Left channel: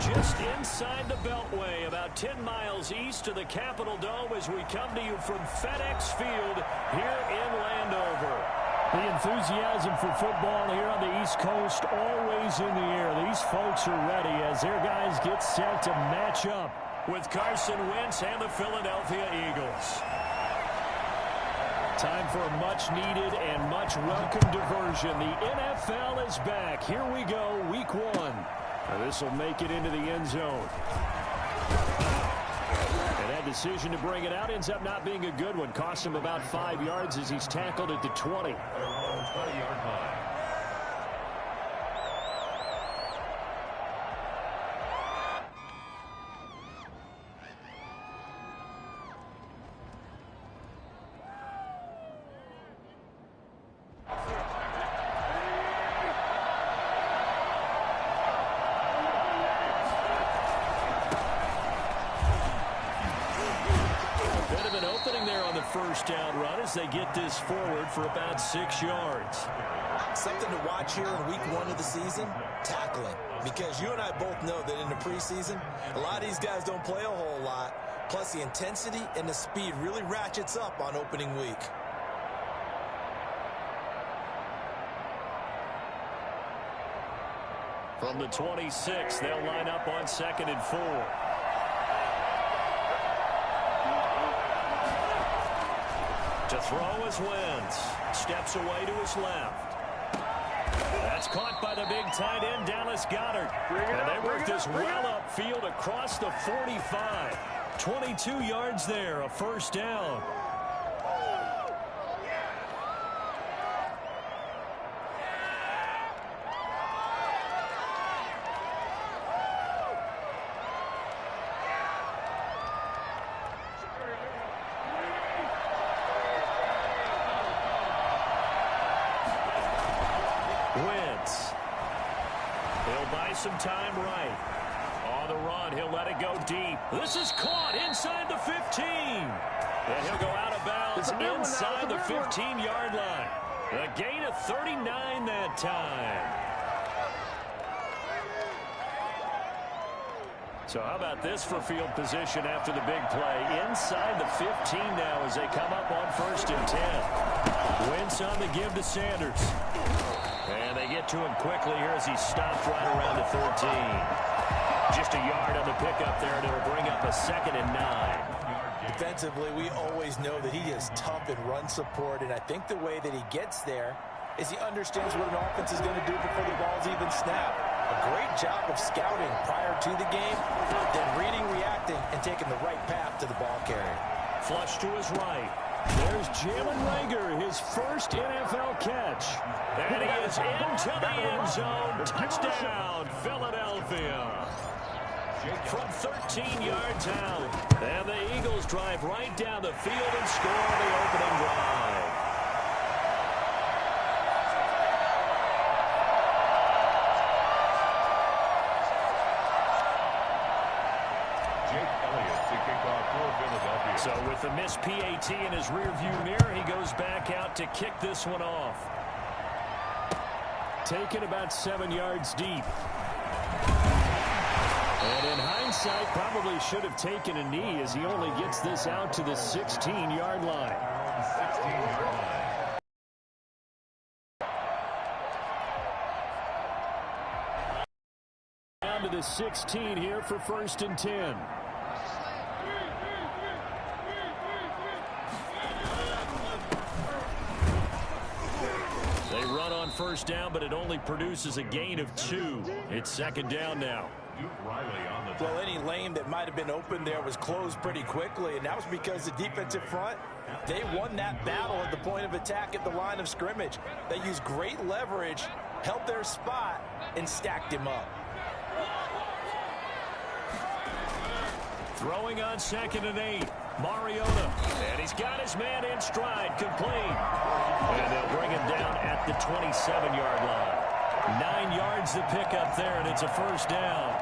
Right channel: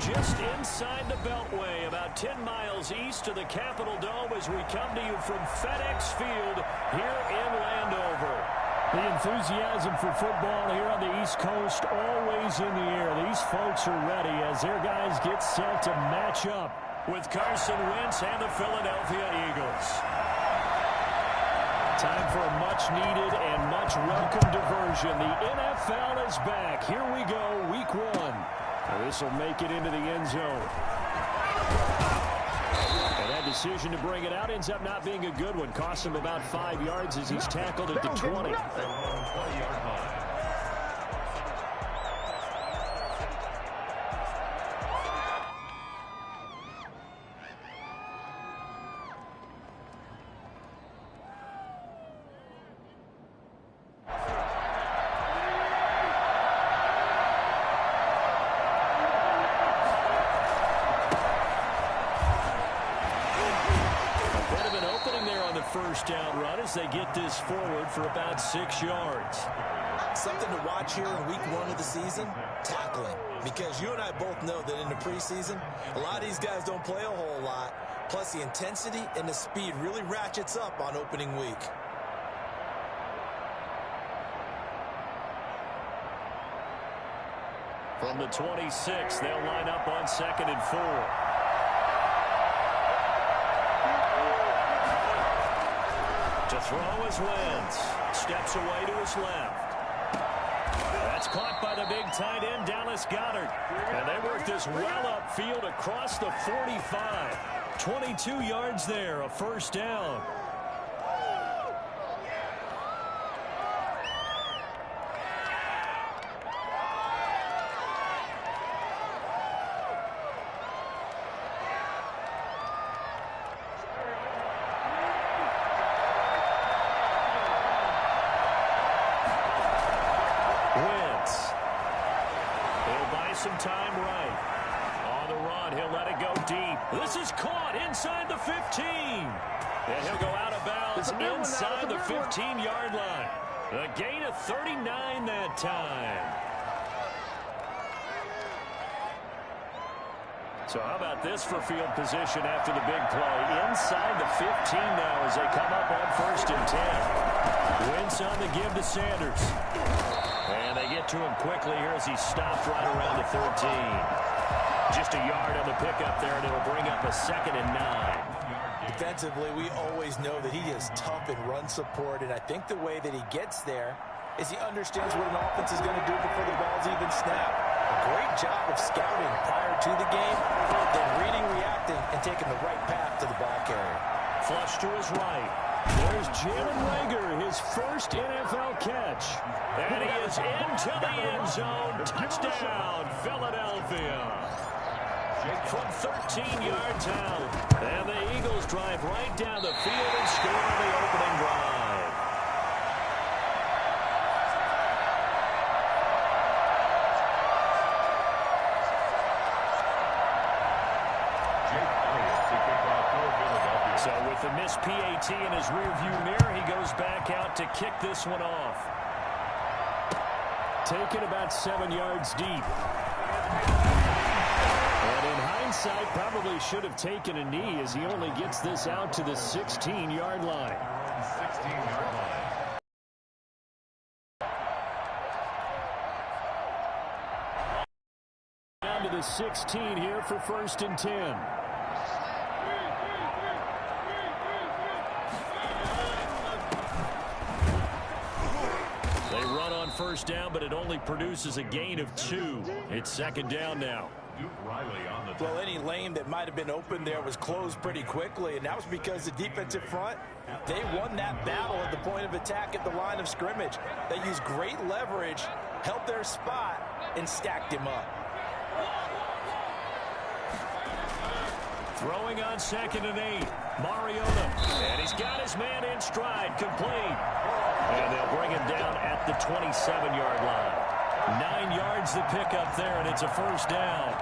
just inside the Beltway, about 10 miles east of the Capitol Dome as we come to you from FedEx Field here in Landover. The enthusiasm for football here on the East Coast always in the air. These folks are ready as their guys get set to match up with Carson Wentz and the Philadelphia Eagles. Time for a much-needed and much-welcome diversion. The NFL is back. Here we go, Week 1. This will make it into the end zone. And that decision to bring it out ends up not being a good one. Costs him about 5 yards as he's tackled at the 20. First down run as they get this forward for about 6 yards. Something to watch here in week 1 of the season, tackling. Because you and I both know that in the preseason, a lot of these guys don't play a whole lot. Plus the intensity and the speed really ratchets up on opening week. From the 26, they'll line up on 2nd and 4. To throw is Wentz. Steps away to his left. That's caught by the big tight end, Dallas Goedert. And they work this well upfield across the 45. 22 yards there, a first down. Wentz. He'll buy some time right. On the run, he'll let it go deep. This is caught inside the 15. And he'll go out of bounds inside the 15-yard line. A gain of 39 that time. So how about this for field position after the big play? Inside the 15 now as they come up on 1st and 10. Wentz on the give to Sanders. And they get to him quickly here as he stopped right around the 13. Just a yard on the pickup there, and it'll bring up a 2nd and 9. Defensively, we always know that he is tough in run support, and I think the way that he gets there is he understands what an offense is going to do before the ball's even snapped. A great job of scouting prior to the game, then reading, reacting, and taking the right path to the ball carrier. Flush to his right. There's Jalen Reagor, his first NFL catch. And he is into the end zone. Touchdown, Philadelphia. From 13 yards out. And the Eagles drive right down the field and score the opening drive. So with the missed PAT in his rearview mirror, he goes back out to kick this one off. Taken about 7 yards deep. And in hindsight, probably should have taken a knee as he only gets this out to the 16-yard line. 16-yard line. Down to the 16 here for 1st and 10. They run on 1st down, but it only produces a gain of 2. It's 2nd down now. Well, any lane that might have been open there was closed pretty quickly, and that was because the defensive front, they won that battle at the point of attack at the line of scrimmage. They used great leverage, held their spot, and stacked him up. Throwing on 2nd and 8. Mariota. And he's got his man in stride, complete. And they'll bring him down at the 27-yard line. 9 yards to pick up there, and it's a first down.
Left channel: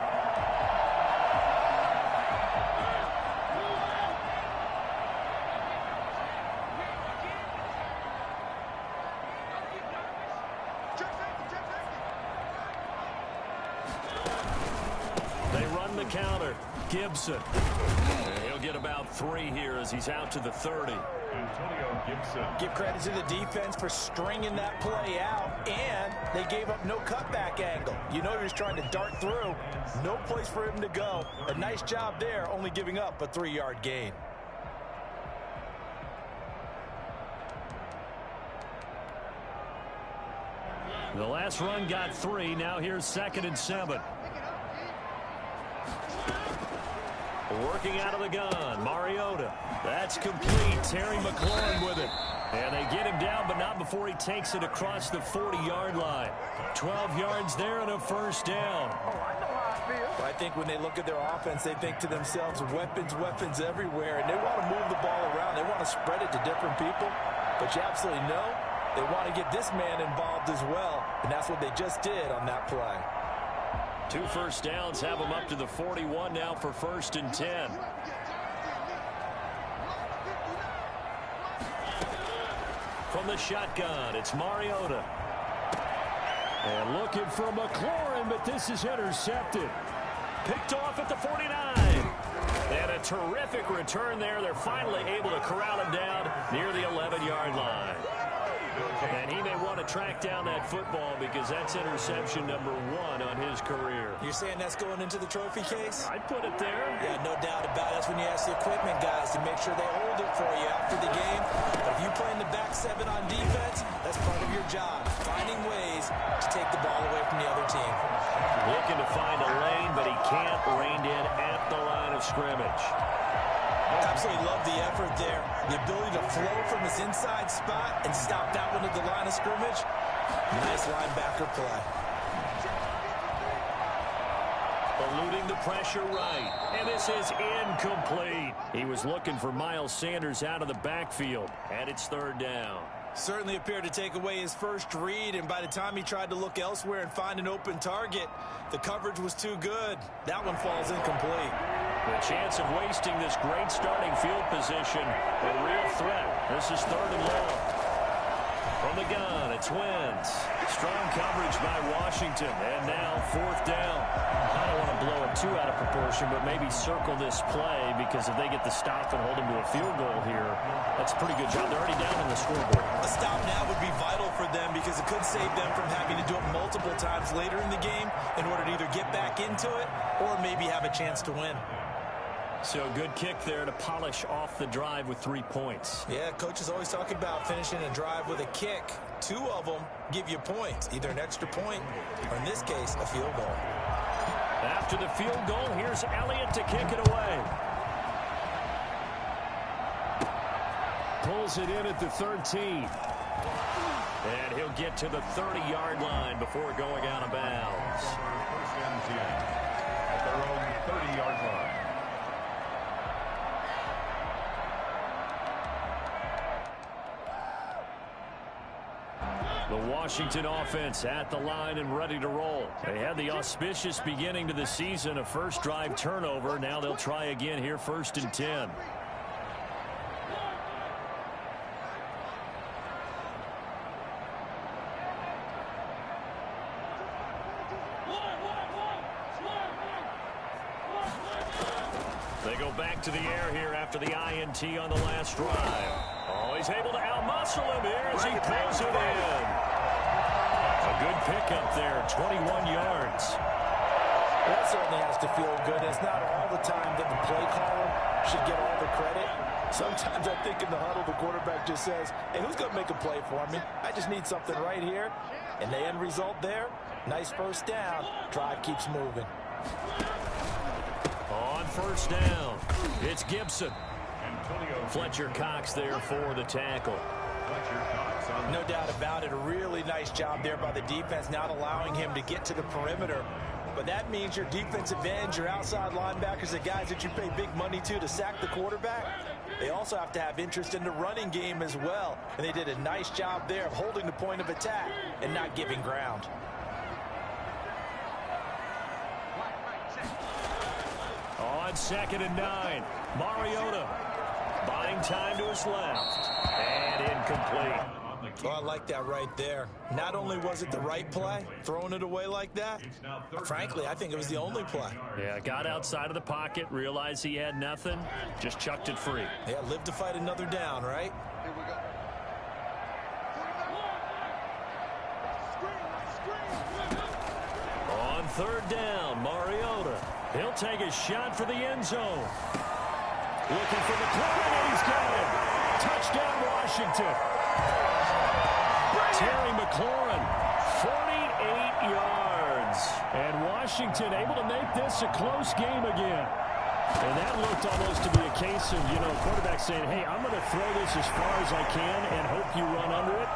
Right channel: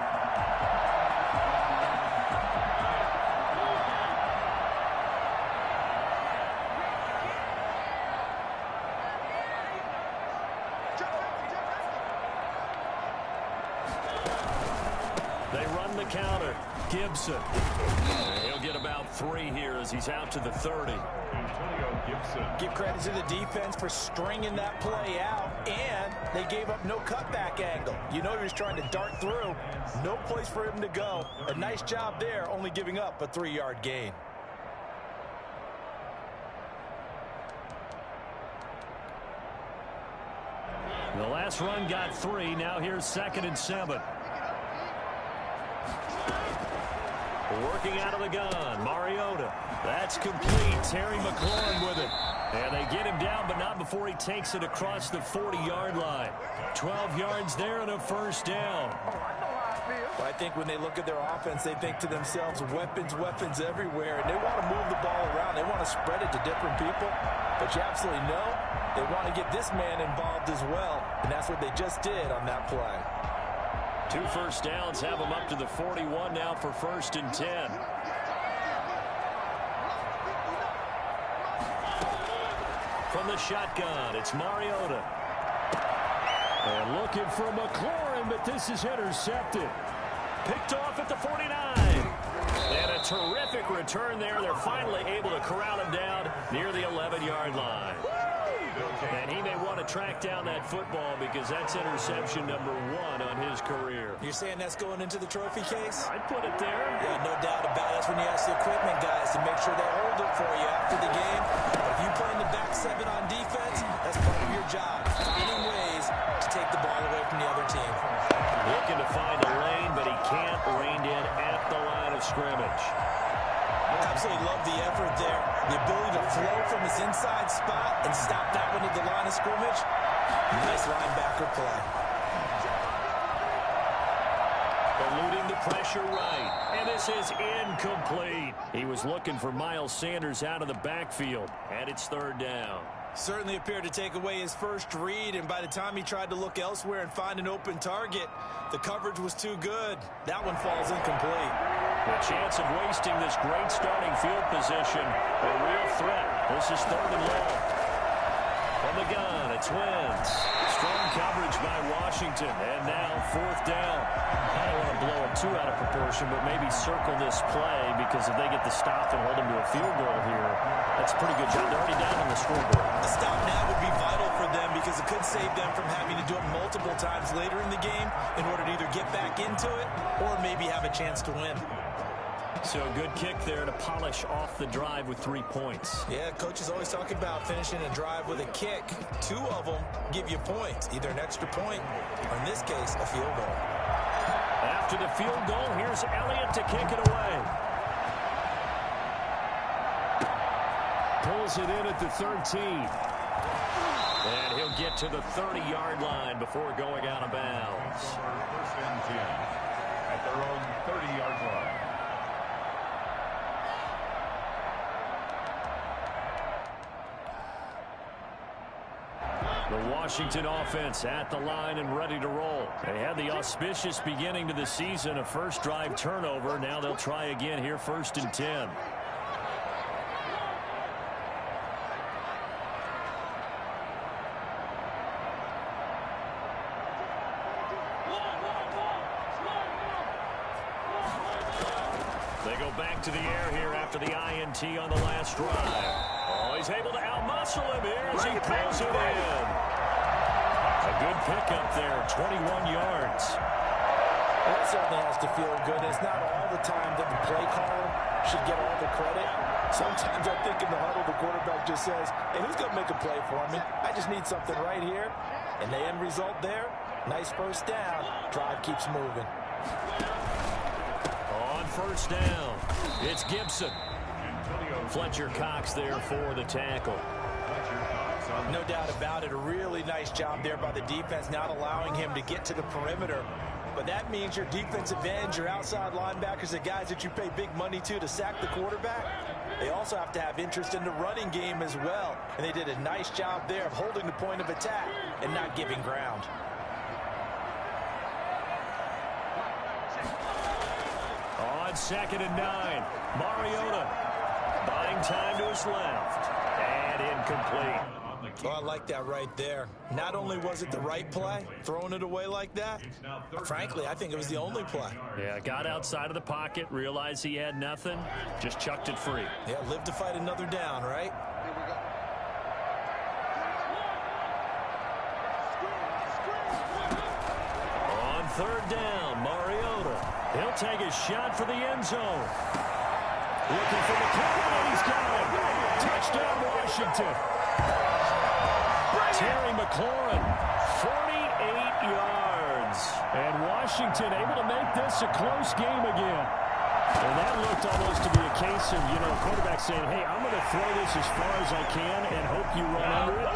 They run the counter. Gibson. And he'll get about 3 here as he's out to the 30. Antonio Gibson. Give credit to the defense for stringing that play out, and they gave up no cutback angle. You know he was trying to dart through. No place for him to go. A nice job there, only giving up a 3-yard gain. The last run got 3. Now here's 2nd and 7. Working out of the gun, Mariota. That's complete. Terry McLaurin with it. And they get him down, but not before he takes it across the 40-yard line. 12 yards there and a first down. Well, I think when they look at their offense, they think to themselves, weapons, weapons everywhere, and they want to move the ball around. They want to spread it to different people, but you absolutely know they want to get this man involved as well, and that's what they just did on that play. 2 first downs have them up to the 41 now for 1st and 10. From the shotgun, it's Mariota. And looking for McLaurin, but this is intercepted. Picked off at the 49. And a terrific return there. They're finally able to corral him down near the 11-yard line. And he may want to track down that football because that's interception number 1 on his career. You're saying that's going into the trophy case? I'd put it there. Yeah, no doubt about it. That's when you ask the equipment guys to make sure they hold it for you after the game. But if you play in the back 7 on defense, that's part of your job, finding ways to take the ball away from the other team. Looking to find a lane, but he can't. Reined in at the line of scrimmage. Absolutely love the effort there. The ability to flow from his inside spot and stop that one at the line of scrimmage. Nice linebacker play. Eluding the pressure right. And this is incomplete. He was looking for Miles Sanders out of the backfield. And it's 3rd down. Certainly appeared to take away his first read, and by the time he tried to look elsewhere and find an open target, the coverage was too good. That one falls incomplete. The chance of wasting this great starting field position, a real threat. This is 3rd and long. From the gun, it's Wentz. Strong coverage by Washington, and now 4th down. I don't want to blow it too out of proportion, but maybe circle this play because if they get the stop and hold them to a field goal here, that's a pretty good job. They're already down on the scoreboard. A stop now would be vital for them because it could save them from having to do it multiple times later in the game in order to either get back into it or maybe have a chance to win. So good kick there to polish off the drive with 3 points. Yeah, coaches always talk about finishing a drive with a kick. 2 of them give you points, either an extra point or, in this case, a field goal. After the field goal, here's Elliott to kick it away. Pulls it in at the 13. And he'll get to the 30-yard line before going out of bounds. 1st and 10 at their own 30-yard line. The Washington offense at the line and ready to roll. They had the auspicious beginning to the season, a first drive turnover. Now they'll try again here, 1st and 10. They go back to the air here after the INT on the last drive. Oh, he's able to outmuscle him here as he pulls it in. A good pickup there, 21 yards. Well, that certainly has to feel good. It's not all the time that the play caller should get all the credit. Sometimes I think in the huddle, the quarterback just says, hey, who's going to make a play for me? I just need something right here. And the end result there, nice first down. Drive keeps moving. On 1st down, it's Gibson. Fletcher Cox there for the tackle. No doubt about it. A really nice job there by the defense, not allowing him to get to the perimeter. But that means your defensive ends, your outside linebackers, the guys that you pay big money to sack the quarterback, they also have to have interest in the running game as well. And they did a nice job there of holding the point of attack and not giving ground. On 2nd and 9, Mariota buying time to his left. And incomplete. Oh, I like that right there. Not only was it the right play, throwing it away like that, frankly, I think it was the only play. Yeah, got outside of the pocket, realized he had nothing, just chucked it free. Yeah, live to fight another down, right? Here we go. On third down, Mariota. He'll take a shot for the end zone. Looking for McLaurin, and he's got him. Touchdown, Washington. Terry McLaurin, 48 yards. And Washington able to make this a close game again. And that looked almost to be a case of, quarterback saying, hey, I'm going to throw this as far as I can and hope you run under it.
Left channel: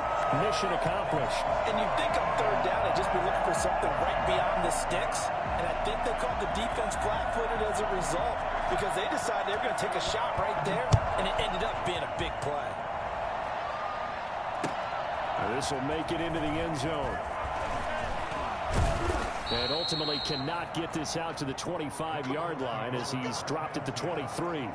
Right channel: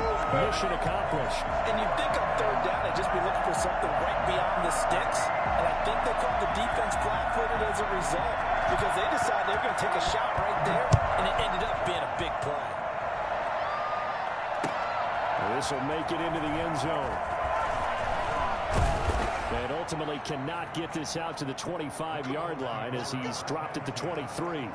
Mission accomplished. And you'd think on third down, they'd just be looking for something right beyond the sticks. And I think they caught the defense flat-footed as a result because they decided they were going to take a shot right there, and it ended up being a big play. This will make it into the end zone. And ultimately cannot get this out to the 25-yard line as he's dropped at the 23.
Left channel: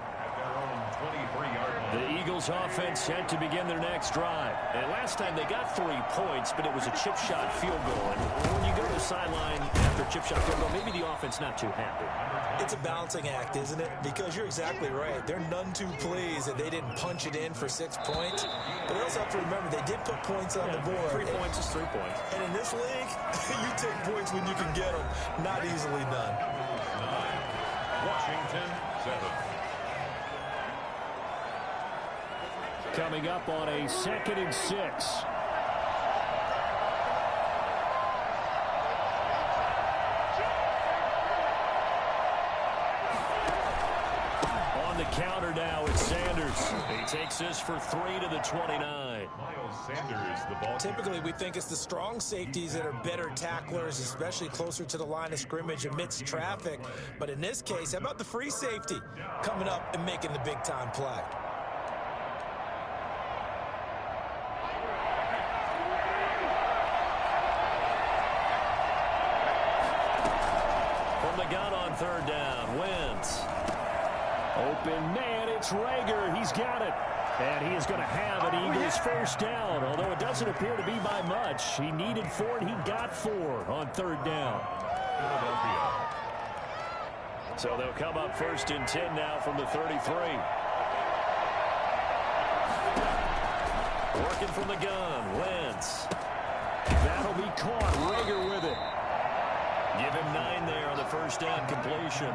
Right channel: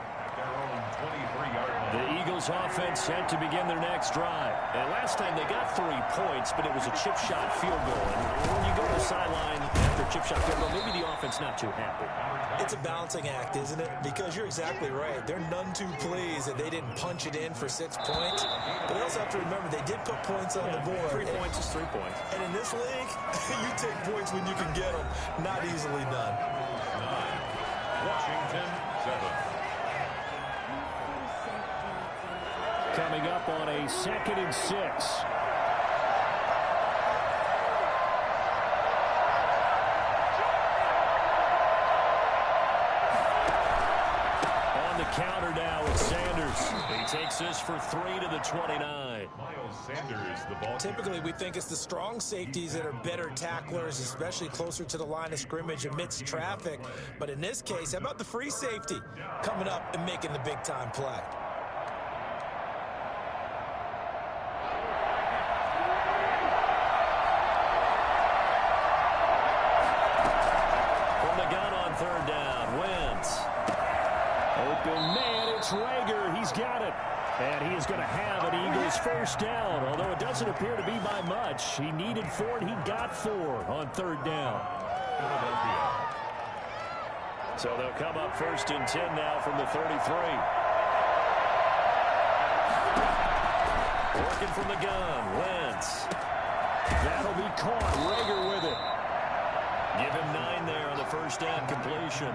The Eagles offense set to begin their next drive. And last time they got 3 points, but it was a chip shot field goal. And when you go to the sideline after a chip shot field goal, maybe the offense not too happy. It's a balancing act, isn't it? Because you're exactly right. They're none too pleased that they didn't punch it in for 6 points. But they also have to remember they did put points on the board. 3 points is 3 points. And in this league, you take points when you can get them. Not easily done. 9, Washington 7. Coming up on a 2nd and 6. On the counter now, it's Sanders. He takes this for 3 to the 29. Miles Sanders, the ball. Typically, we think it's the strong safeties that are better tacklers, especially closer to the line of scrimmage amidst traffic. But in this case, how about the free safety coming up and making the big-time play? From the gun on third down, Wentz. Open man, it's Rager. He's got it. And he is going to have an Eagles first down, although it doesn't appear to be by much. He needed 4, and he got 4 on third down. So they'll come up 1st and 10 now from the 33. Working from the gun, Wentz. That'll be caught. Rager with it. Give him 9 there on the first down completion.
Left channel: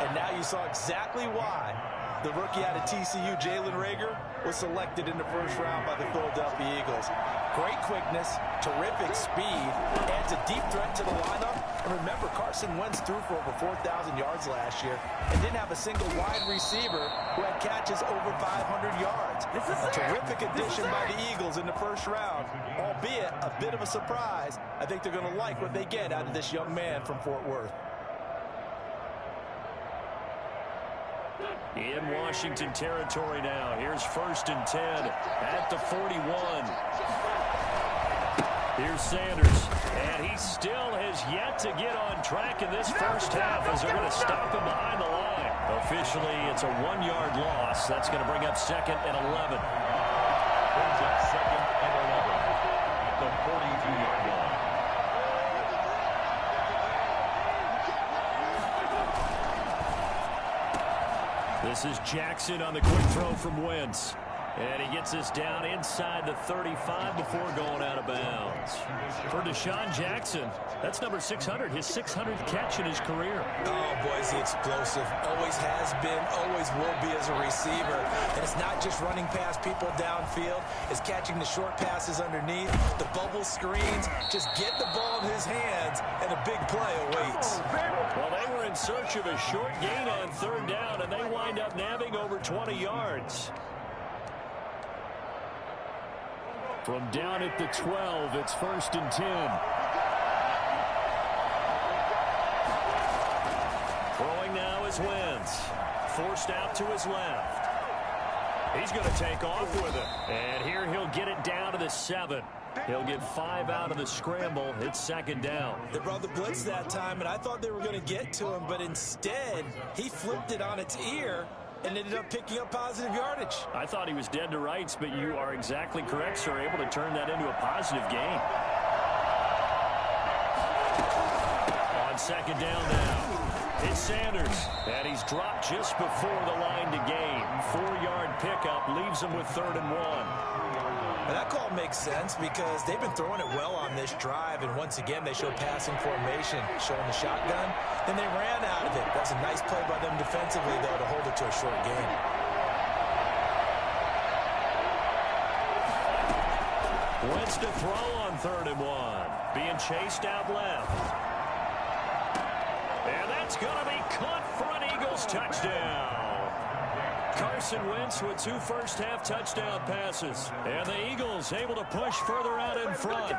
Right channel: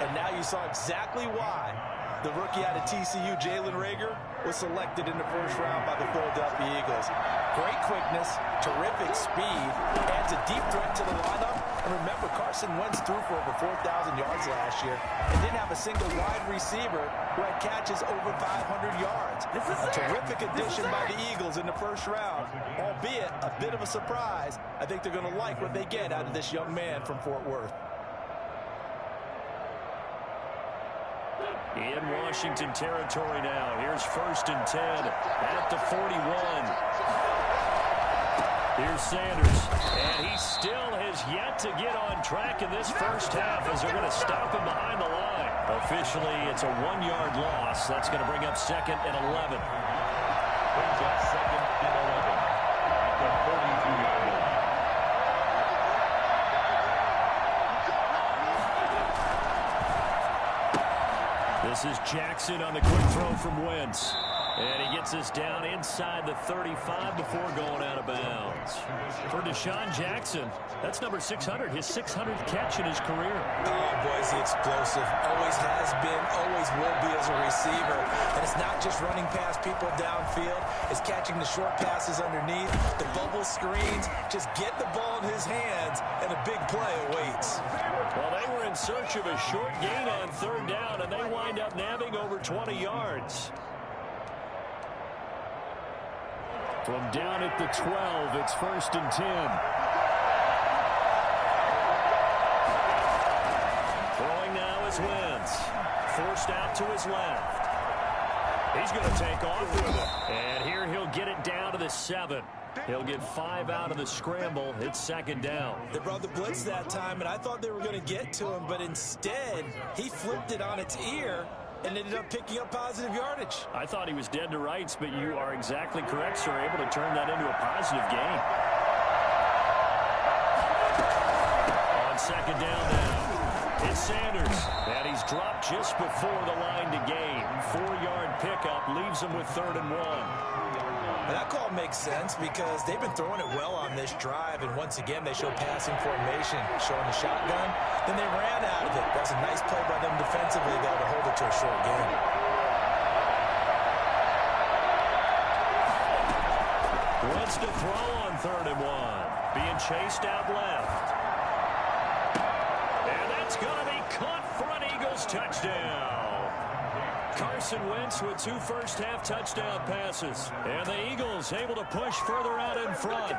And now you saw exactly why the rookie out of TCU, Jalen Rager, was selected in the first round by the Philadelphia Eagles. Great quickness, terrific speed, adds a deep threat to the lineup. And remember, Carson Wentz threw for over 4,000 yards last year and didn't have a single wide receiver who had catches over 500 yards. A terrific addition by the Eagles in the first round, albeit a bit of a surprise. I think they're going to like what they get out of this young man from Fort Worth. In Washington territory now. Here's 1st and 10 at the 41. Here's Sanders. And he still has yet to get on track in this first half as they're going to stop him behind the line. Officially, it's a 1-yard loss. That's going to bring up 2nd and 11. Brings up 2nd and 11 at the 42-yard line. This is Jackson on the quick throw from Wentz. And he gets this down inside the 35 before going out of bounds. For Deshaun Jackson, that's number 600, his 600th catch in his career. Oh, boy, is he explosive. Always has been, always will be as a receiver. And it's not just running past people downfield. It's catching the short passes underneath, the bubble screens. Just get the ball in his hands, and a big play awaits. Well, they were in search of a short gain on third down, and they wind up nabbing over 20 yards. From down at the 12, it's 1st and 10. Throwing now is Wentz. Forced out to his left. He's going to take off with it. And here he'll get it down to the 7. He'll get 5 out of the scramble. It's 2nd down. They brought the blitz that time, and I thought they were going to get to him, but instead, he flipped it on its ear and ended up picking up positive yardage. I thought he was dead to rights, but you are exactly correct, sir. Able to turn that into a positive gain. On second down now. It's Sanders, and he's dropped just before the line to gain. 4-yard pickup leaves him with 3rd and 1. And that call makes sense because they've been throwing it well on this drive, and once again they show passing formation, showing the shotgun. Then they ran out of it. That's a nice play by them defensively, though, to hold it to a short gain. Wentz to throw on 3rd and 1. Being chased out left. And that's going to be caught for an Eagles touchdown. Carson Wentz with 2 first-half touchdown passes. And the Eagles able to push further out in front.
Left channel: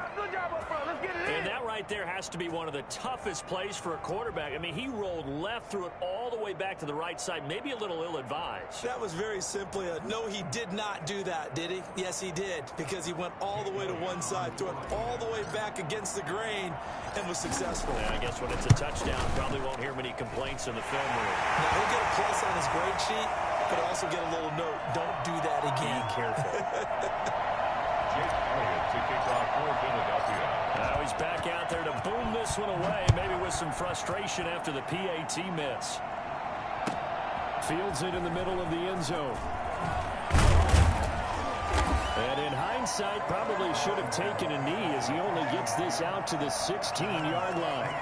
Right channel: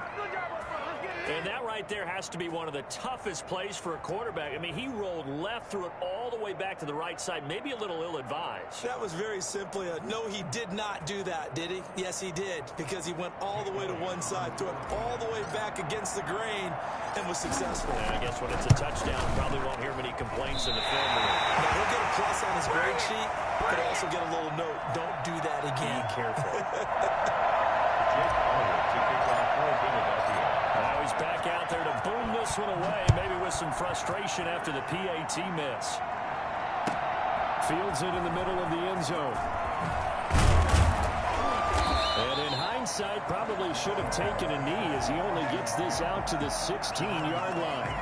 And that right there has to be one of the toughest plays for a quarterback. I mean, he rolled left, threw it all the way back to the right side, maybe a little ill-advised. That was very simply a no, he did not do that, did he? Yes, he did, because he went all the way to one side, threw it all the way back against the grain, and was successful. And I guess when it's a touchdown, probably won't hear many complaints in the film room. Now, he'll get a plus on his grade sheet, but also get a little note, don't do that again. Be careful. Jake Elliott to kick off for Philadelphia. Now he's back out there to boom this one away, maybe with some frustration after the PAT miss. Fields it in the middle of the end zone. And in hindsight, probably should have taken a knee as he only gets this out to the 16-yard line.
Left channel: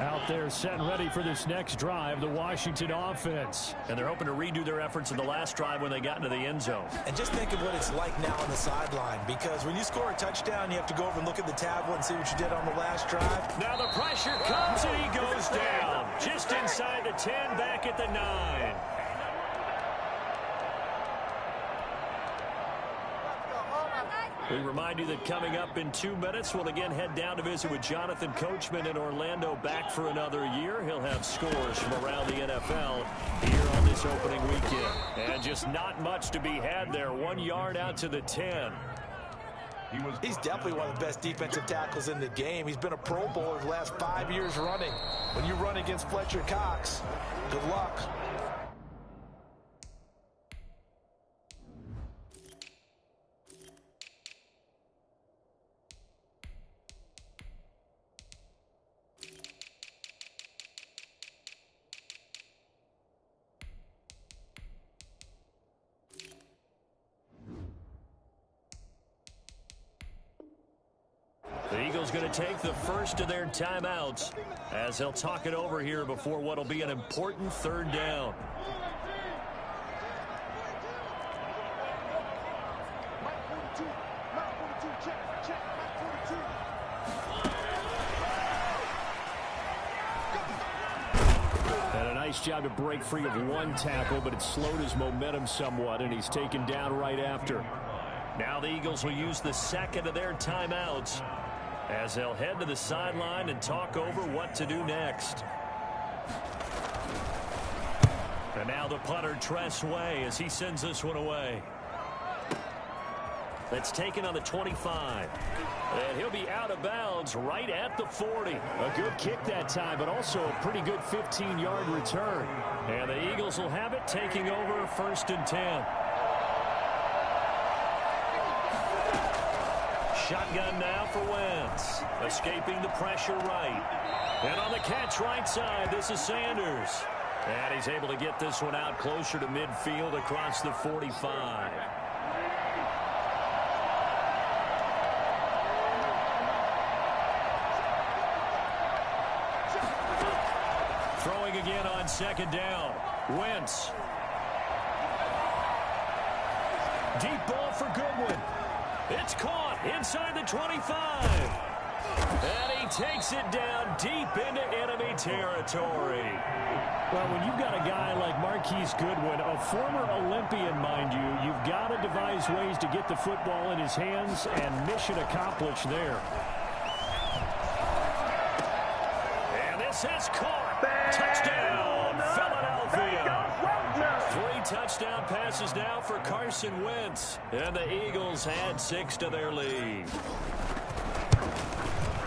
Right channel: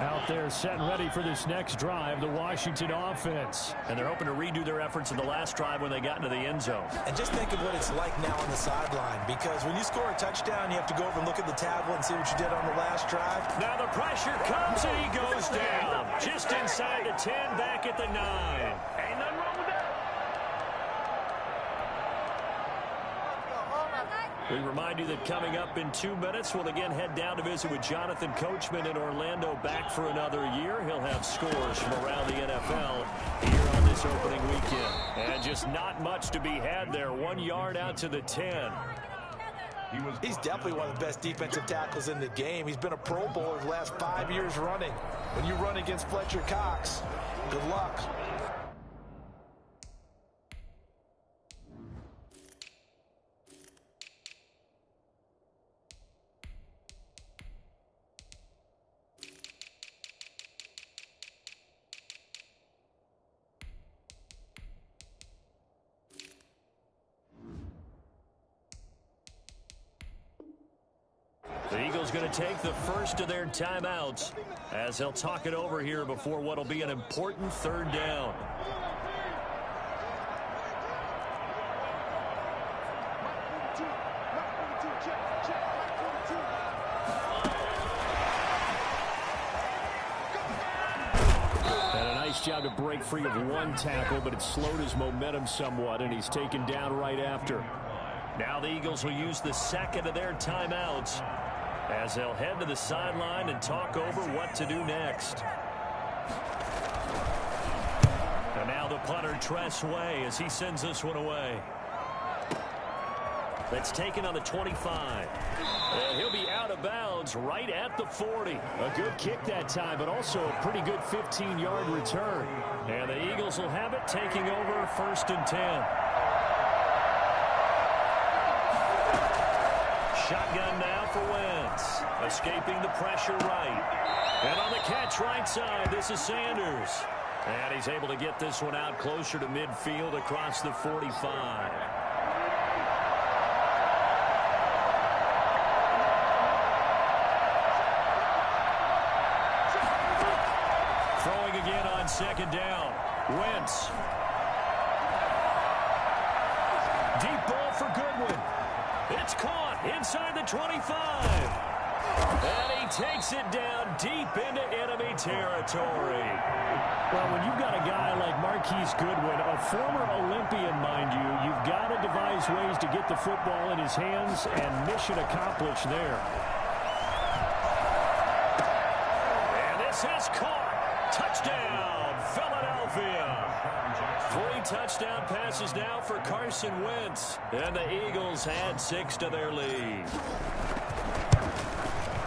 Out there set and ready for this next drive, the Washington offense. And they're hoping to redo their efforts in the last drive when they got into the end zone. And just think of what it's like now on the sideline, because when you score a touchdown, you have to go over and look at the tablet and see what you did on the last drive. Now the pressure comes and he goes down. Just inside the 10, back at the 9. We remind you that coming up in 2 minutes, we'll again head down to visit with Jonathan Coachman in Orlando, back for another year. He'll have scores from around the NFL here on this opening weekend. And just not much to be had there. 1 yard out to the 10. He's definitely one of the best defensive tackles in the game. He's been a Pro Bowler the last 5 years running. When you run against Fletcher Cox, good luck. The Eagles going to take the first of their timeouts as they'll talk it over here before what will be an important 3rd down. And a nice job to break free of 1 tackle, but it slowed his momentum somewhat, and he's taken down right after. Now the Eagles will use the second of their timeouts as they'll head to the sideline and talk over what to do next. And now the punter, Tress Way, as he sends this one away. That's taken on the 25. And he'll be out of bounds right at the 40. A good kick that time, but also a pretty good 15-yard return. And the Eagles will have it, taking over 1st and 10. Shotgun now for Wentz. Escaping the pressure right. And on the catch right side, this is Sanders. And he's able to get this one out closer to midfield across the 45. Throwing again on 2nd down. Wentz. Deep ball for Goodwin. It's caught inside the 25. And he takes it down deep into enemy territory. Well, when you've got a guy like Marquise Goodwin, a former Olympian, mind you, you've got to devise ways to get the football in his hands, and mission accomplished there. And this is caught. Touchdown, Philadelphia. 3 touchdown passes now for Carson Wentz. And the Eagles add 6 to their lead.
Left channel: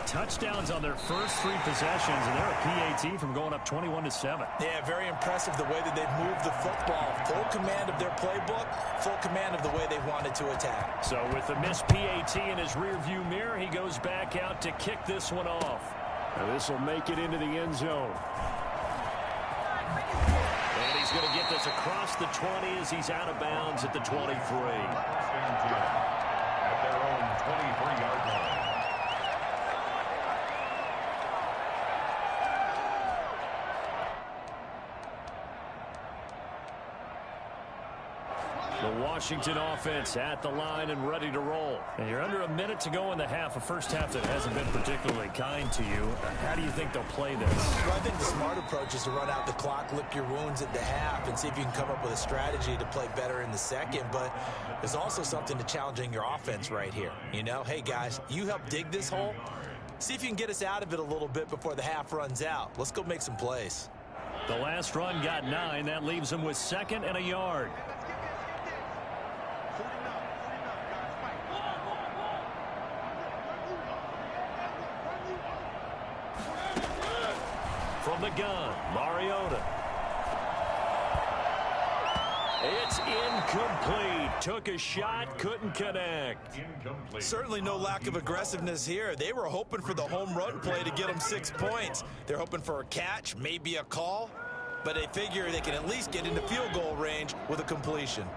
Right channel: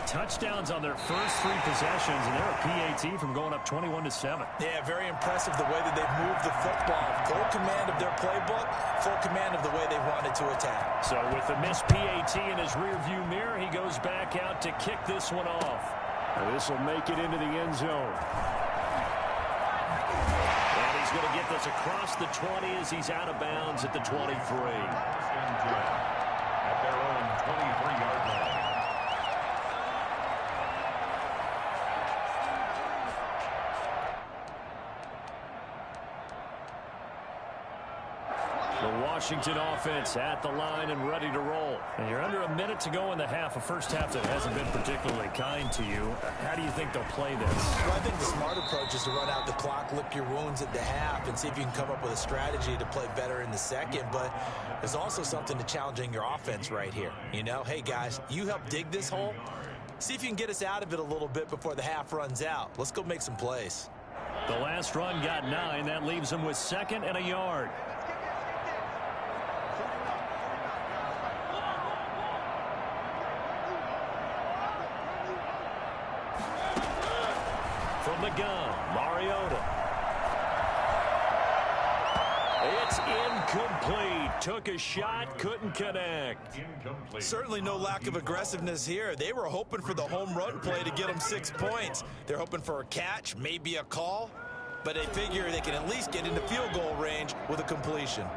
Touchdowns on their first 3 possessions, and they're a PAT from going up 21-7. Yeah, very impressive the way that they've moved the football. Full command of their playbook, full command of the way they wanted to attack. So with the missed PAT in his rearview mirror, he goes back out to kick this one off. Now this will make it into the end zone. And he's going to get this across the 20 as he's out of bounds at the 23. At their own 23-yard line. The Washington offense at the line and ready to roll. And you're under a minute to go in the half, a first half that hasn't been particularly kind to you. How do you think they'll play this? Well, I think the smart approach is to run out the clock, lick your wounds at the half, and see if you can come up with a strategy to play better in the second. But there's also something to challenging your offense right here. You know, hey, guys, you help dig this hole. See if you can get us out of it a little bit before the half runs out. Let's go make some plays. The last run got 9. That leaves them with 2nd and a yard. From the gun, Mariota. It's incomplete. Took a shot, couldn't connect. Incomplete. Certainly no lack of aggressiveness here. They were hoping for the home run play to get them 6 points. They're hoping for a catch, maybe a call, but they figure they can at least get into field goal range with a completion.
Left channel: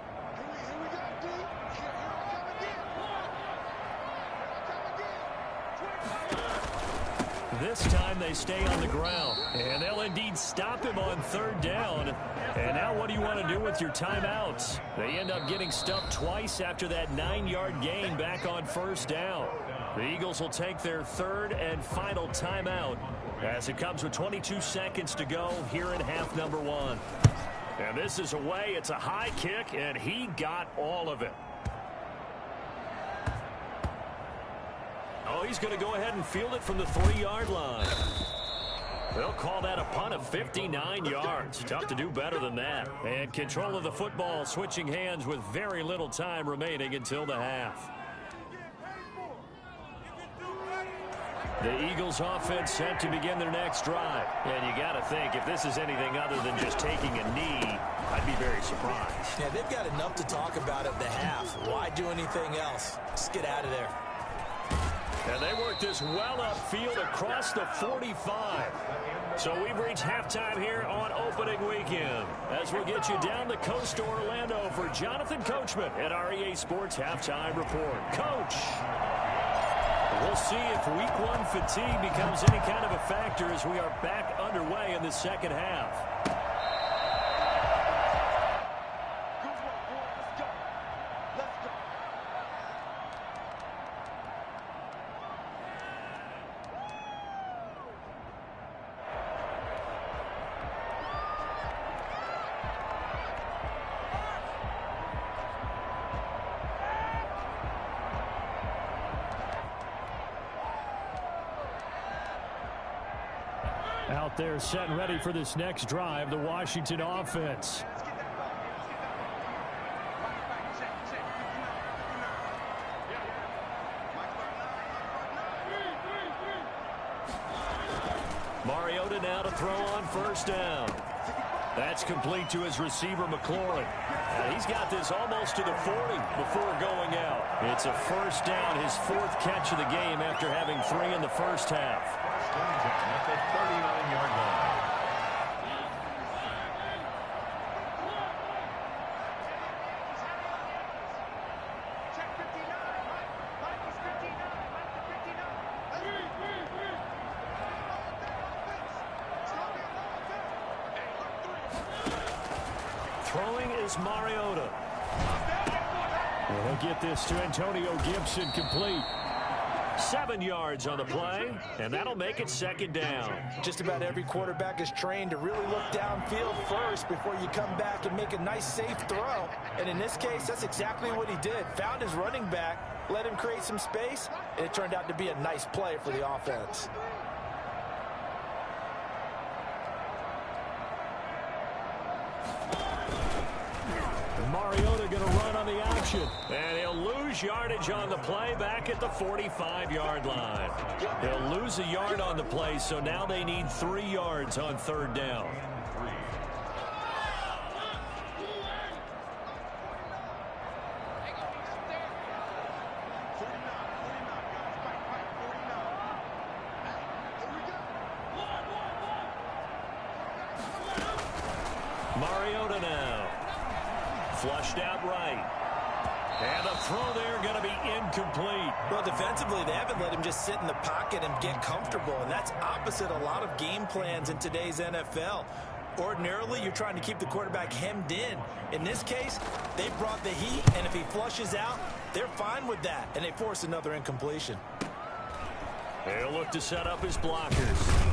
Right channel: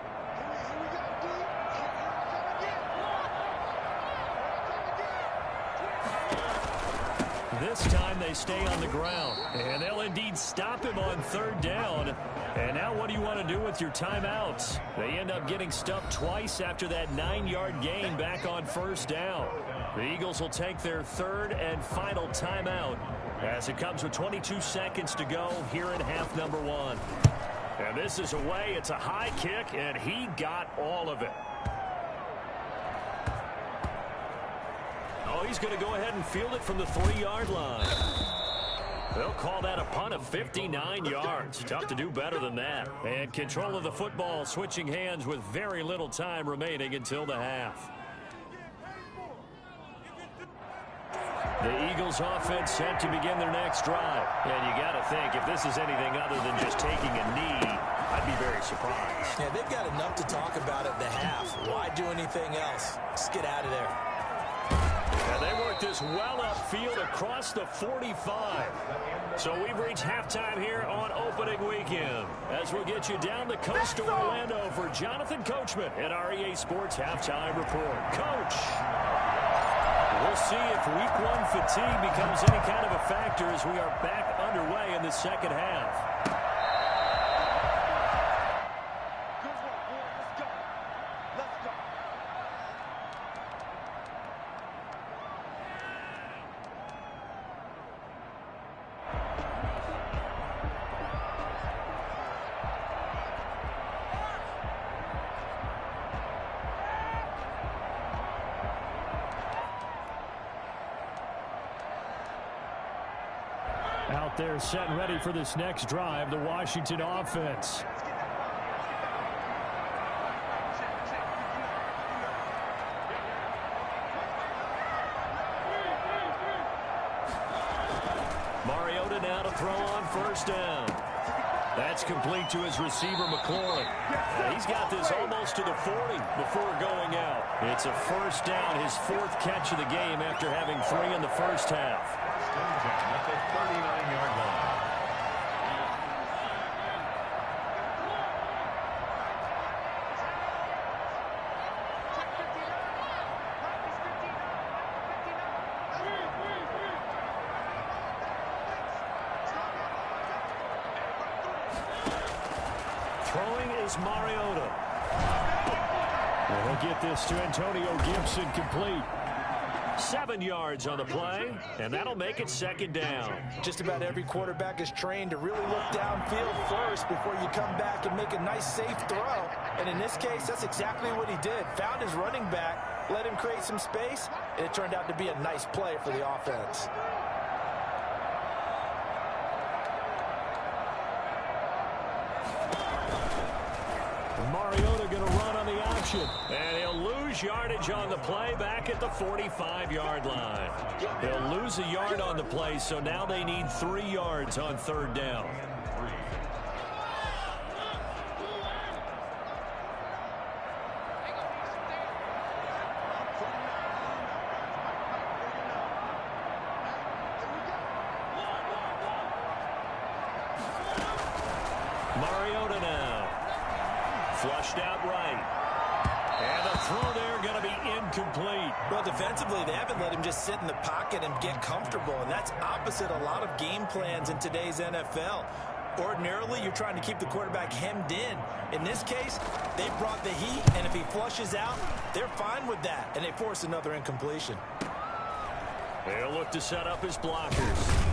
This time they stay on the ground, and they'll indeed stop him on 3rd down. And now what do you want to do with your timeouts? They end up getting stuffed twice after that 9-yard gain back on 1st down. The Eagles will take their 3rd and final timeout as it comes with 22 seconds to go here in half number 1. And this is away. It's a high kick, and he got all of it. Oh, he's going to go ahead and field it from the 3-yard line. They'll call that a punt of 59 yards. Tough to do better than that. And control of the football switching hands with very little time remaining until the half. The Eagles offense set to begin their next drive. And you got to think, if this is anything other than just taking a knee, I'd be very surprised. Yeah, they've got enough to talk about at the half. Why do anything else? Just get out of there. And they work this well upfield across the 45. So we've reached halftime here on opening weekend. As we'll get you down the coast to Orlando for Jonathan Coachman at our EA Sports Halftime Report. Coach, we'll see if Week 1 fatigue becomes any kind of a factor as we are back underway in the second half. Out there set and ready for this next drive, the Washington offense. Mariota now to throw on 1st down. That's complete to his receiver, McLaurin. He's got this almost to the 40 before going out. It's a 1st down, his 4th catch of the game after having 3 in the first half. At the 39-yard line. Throwing is Mariota. And he'll get this to Antonio Gibson complete. 7 yards on the play, and that'll make it 2nd down. Just about every quarterback is trained to really look downfield first before you come back and make a nice, safe throw. And in this case, that's exactly what he did. Found his running back, let him create some space, and it turned out to be a nice play for the offense. Mariota going to run on the option. And he'll lose yardage on the play back at the 45-yard line. He'll lose a yard on the play, so now they need 3 yards on third down. Mariota now. Flushed out right. And the throw there going to be incomplete. Well, defensively, they haven't let him just sit in the pocket and get comfortable, and that's opposite a lot of game plans in today's NFL. Ordinarily, you're trying to keep the quarterback hemmed in. In this case, they brought the heat, and if he flushes out, they're fine with that, and they force another incompletion. He'll look to set up his blockers.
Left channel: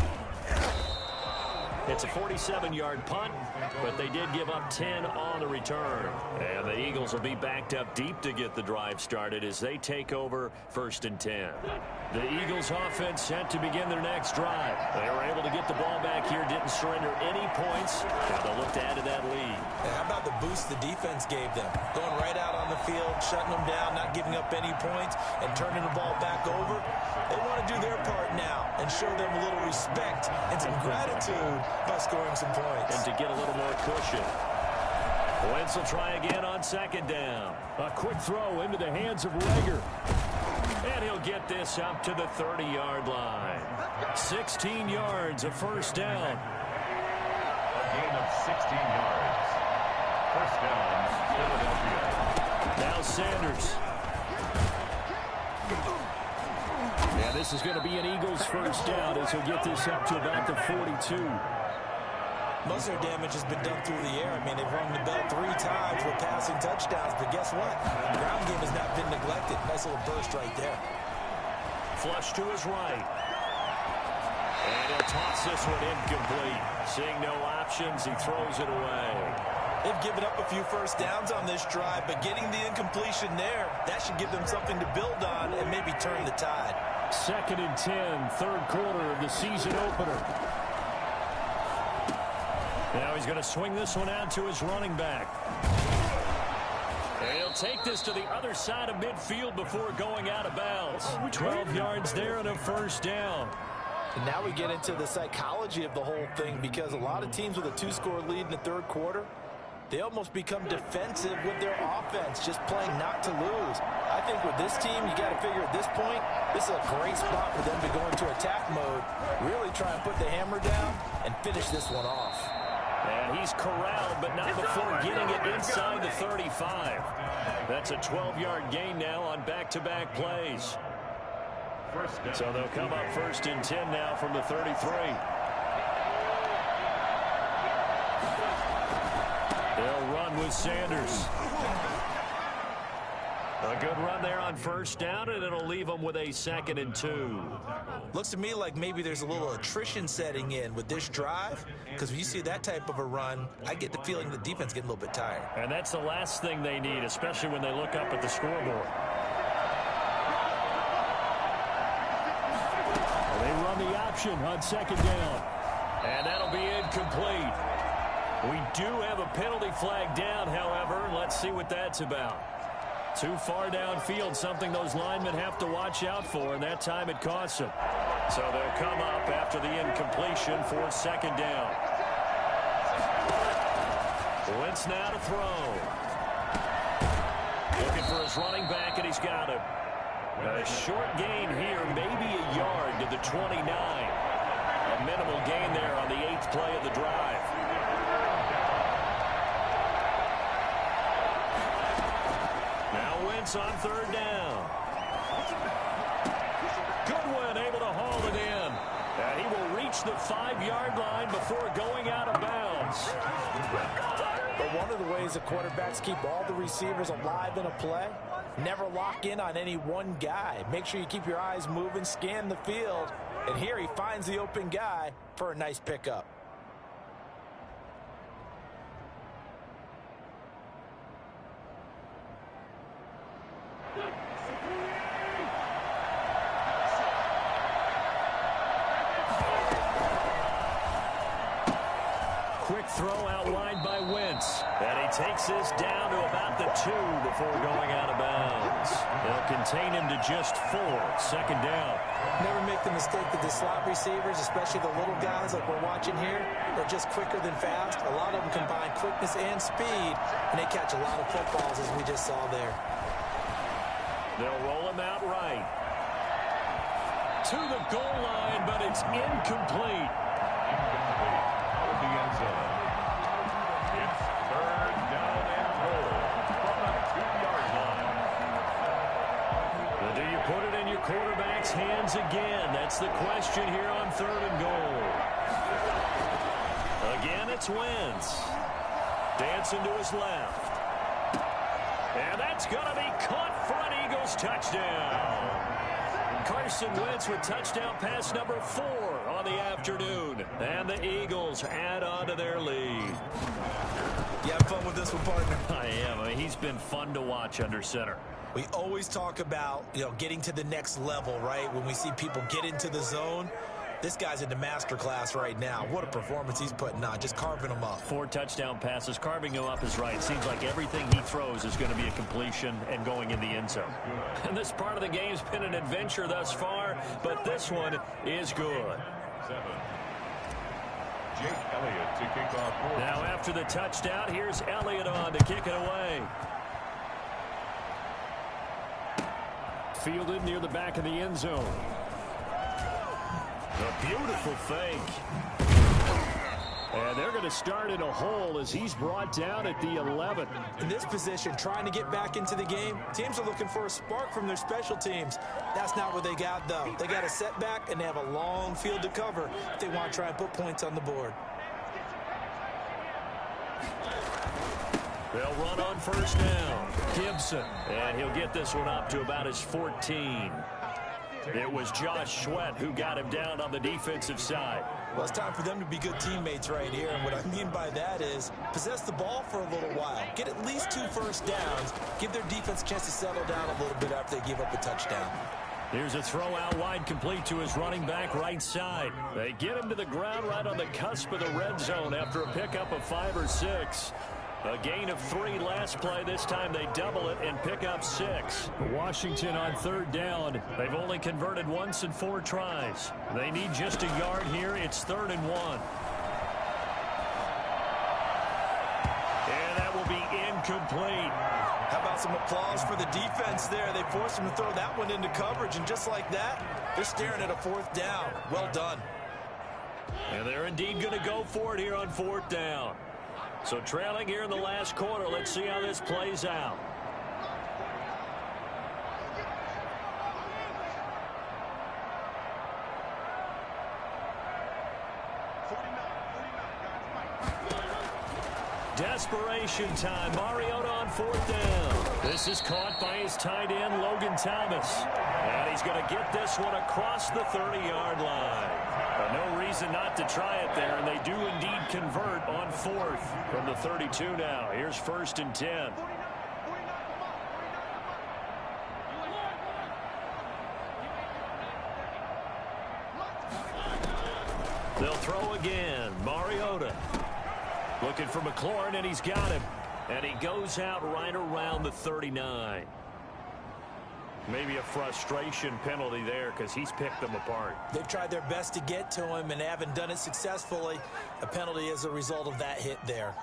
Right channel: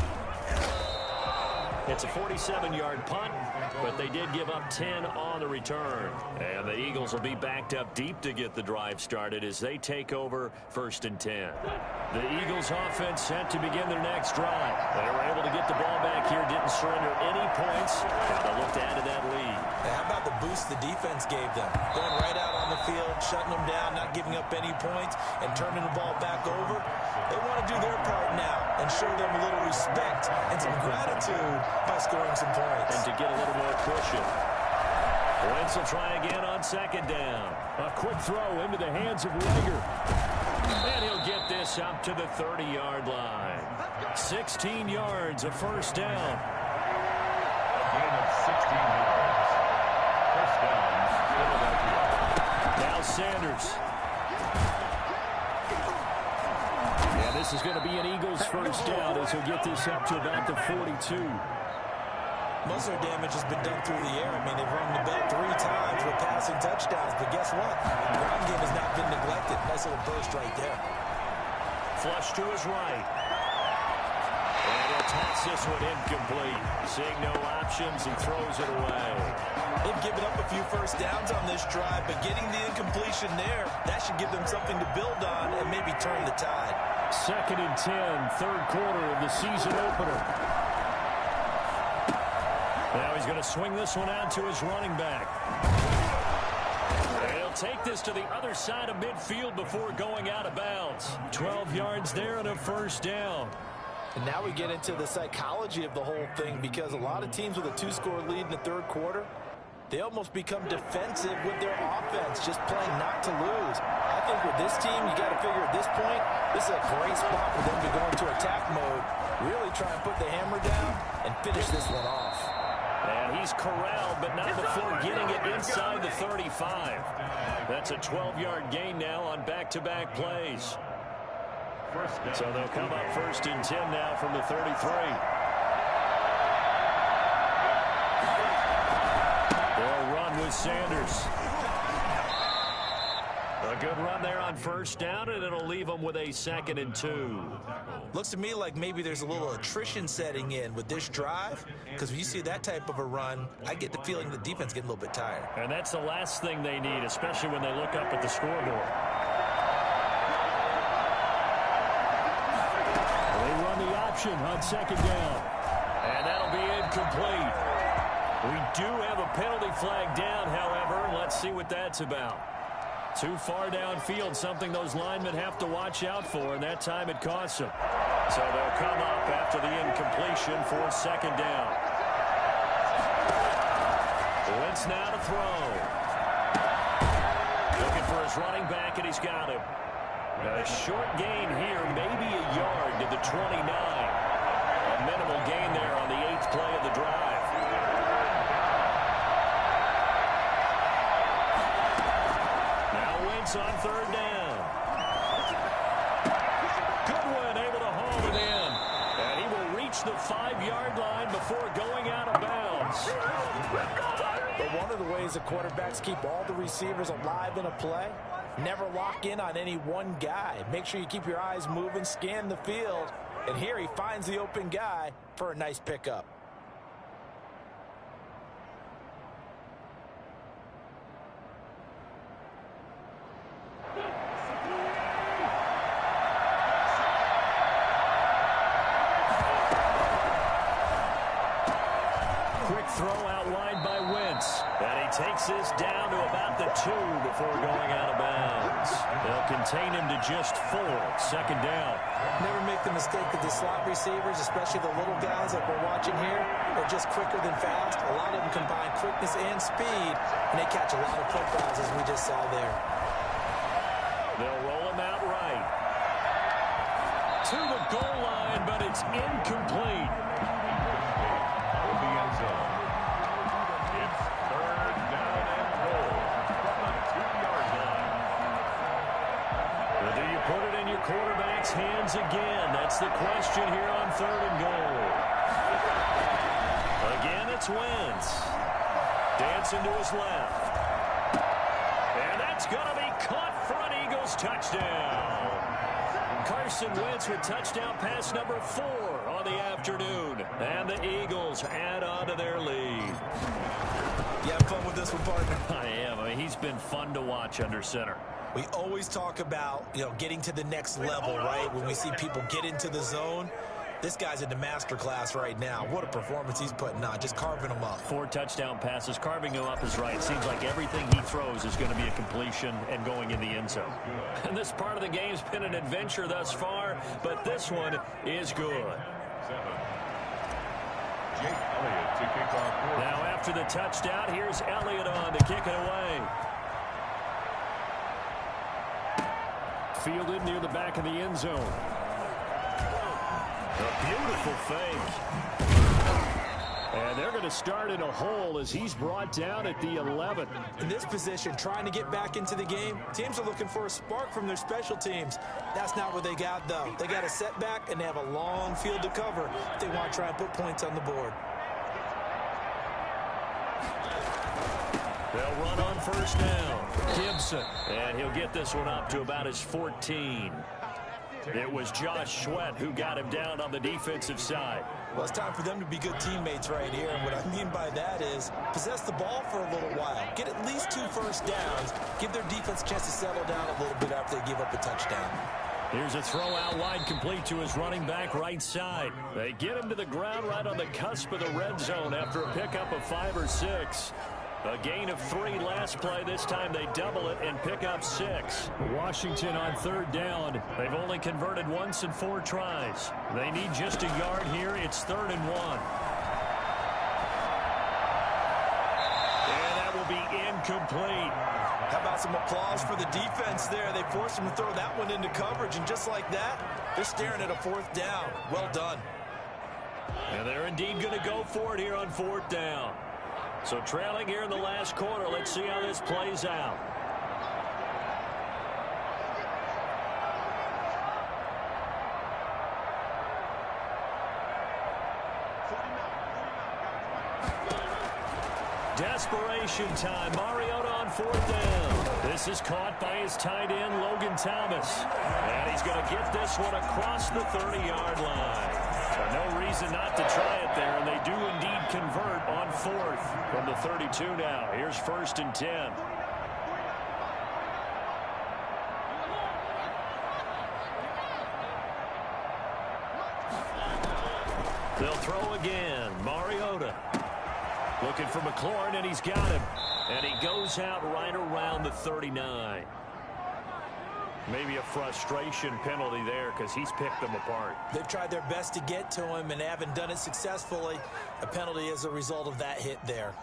It's a 47-yard punt, but they did give up 10 on the return. And the Eagles will be backed up deep to get the drive started as they take over 1st and 10. The Eagles offense set to begin their next drive. They were able to get the ball back here, didn't surrender any points. Now they'll look to add to that lead. How about the boost the defense gave them? Going right out on the field, shutting them down, not giving up any points, and turning the ball back over. They want to do their part now and show them a little respect and some gratitude by scoring some points. And to get a little more cushion. Wentz will try again on 2nd down. A quick throw into the hands of Rager. And he'll get this up to the 30-yard line. 16 yards, a 1st down. A gain of 16 yards. 1st down, Philadelphia. Now Sanders. And this is going to be an Eagles 1st down as he'll get this up to about the 42. Most of their damage has been done through the air. I mean, they've rung the bell 3 times with passing touchdowns, but guess what? The ground game has not been neglected. Nice little burst right there. Flush to his right. And he'll toss this one incomplete. Seeing no options, he throws it away. They've given up a few 1st downs on this drive, but getting the incompletion there, that should give them something to build on and maybe turn the tide. 2nd and 10, 3rd quarter of the season opener. Now he's going to swing this one out to his running back. And he'll take this to the other side of midfield before going out of bounds. 12 yards there and a 1st down. And now we get into the psychology of the whole thing, because a lot of teams with a 2-score lead in the 3rd quarter, they almost become defensive with their offense, just playing not to lose. I think with this team, you got to figure at this point, this is a great spot for them to go into attack mode, really try and put the hammer down and finish this one off. And he's corralled, but not before getting it inside the 35. That's a 12-yard gain now on back-to-back plays. So they'll come up 1st and 10 now from the 33. They'll run with Sanders. A good run there on 1st down, and it'll leave them with a 2nd and 2. Looks to me like maybe there's a little attrition setting in with this drive, because when you see that type of a run, I get the feeling the defense getting a little bit tired. And that's the last thing they need, especially when they look up at the scoreboard. They run the option on 2nd down. And that'll be incomplete. We do have a penalty flag down, however. Let's see what that's about. Too far downfield, something those linemen have to watch out for, and that time it costs them. So they'll come up after the incompletion for 2nd down. Wentz now to throw. Looking for his running back, and he's got him. A short gain here, maybe a yard to the 29. A minimal gain there on the 8th play of the drive. Now Wentz on 3rd down. Goodwin able to haul it in. And he will reach the 5-yard line before going out of bounds. But one of the ways the quarterbacks keep all the receivers alive in a play, never lock in on any one guy. Make sure you keep your eyes moving, scan the field. And here he finds the open guy for a nice pickup. quick throw out wide by Wentz. And he takes this down to about the 2 before going out of bounds. They'll contain him to just 4. Second down. Never make the mistake that the slot receivers, especially the little guys like we're watching here, are just quicker than fast. A lot of them combine quickness and speed, and they catch a lot of footballs, as we just saw there. They'll roll him out right. To the goal line, but it's incomplete. Out of the end zone. It's third down and goal from the 2-yard line. But do you put it in your quarterback's hands again? That's the question here on 3rd and goal. Again, it's Wentz. Dancing to his left. And that's going to be caught for an Eagles touchdown. Carson Wentz with touchdown pass number 4 on the afternoon. And the Eagles add on to their lead. You have fun with this one, partner? I am. I mean, he's been fun to watch under center. We always talk about, getting to the next level, right? When we see people get into the zone. This guy's in the master class right now. What a performance he's putting on, just carving them up. 4 touchdown passes. Carving him up is right. Seems like everything he throws is going to be a completion and going in the end zone. And this part of the game's been an adventure thus far, but this one is good. 7. Jake Elliott to kick off. Now after the touchdown, here's Elliott on to kick it away. Fielded near the back of the end zone. A beautiful fake. And they're going to start in a hole as he's brought down at the 11. In this position, trying to get back into the game, teams are looking for a spark from their special teams. That's not what they got, though. They got a setback, and they have a long field to cover if they want to try and put points on the board. They'll run on first down. Gibson. And he'll get this one up to about his 14. It was Josh Sweat who got him down on the defensive side. Well, it's time for them to be good teammates right here. And what I mean by that is possess the ball for a little while. Get at least 2 first downs. Give their defense a chance to settle down a little bit after they give up a touchdown. Here's a throw out wide complete to his running back right side. They get him to the ground right on the cusp of the red zone after a pickup of 5 or 6. A gain of 3 last play. This time they double it and pick up 6. Washington on 3rd down. They've only converted once in 4 tries. They need just a yard here. It's 3rd and 1. And that will be incomplete. How about some applause for the defense there? They forced him to throw that one into coverage, and just like that, they're staring at a 4th down. Well done. And they're indeed going to go for it here on 4th down. So trailing here in the last quarter. Let's see how this plays out. Desperation time. Mariota on 4th down. This is caught by his tight end, Logan Thomas. And he's going to get this one across the 30-yard line. No reason not to try it there, and they do indeed convert on 4th from the 32 now. Here's 1st and 10. They'll throw again. Mariota looking for McLaurin, and he's got him. And he goes out right around the 39. Maybe a frustration penalty there because he's picked them apart. They've tried their best to get to him and haven't done it successfully. A penalty as a result of that hit there.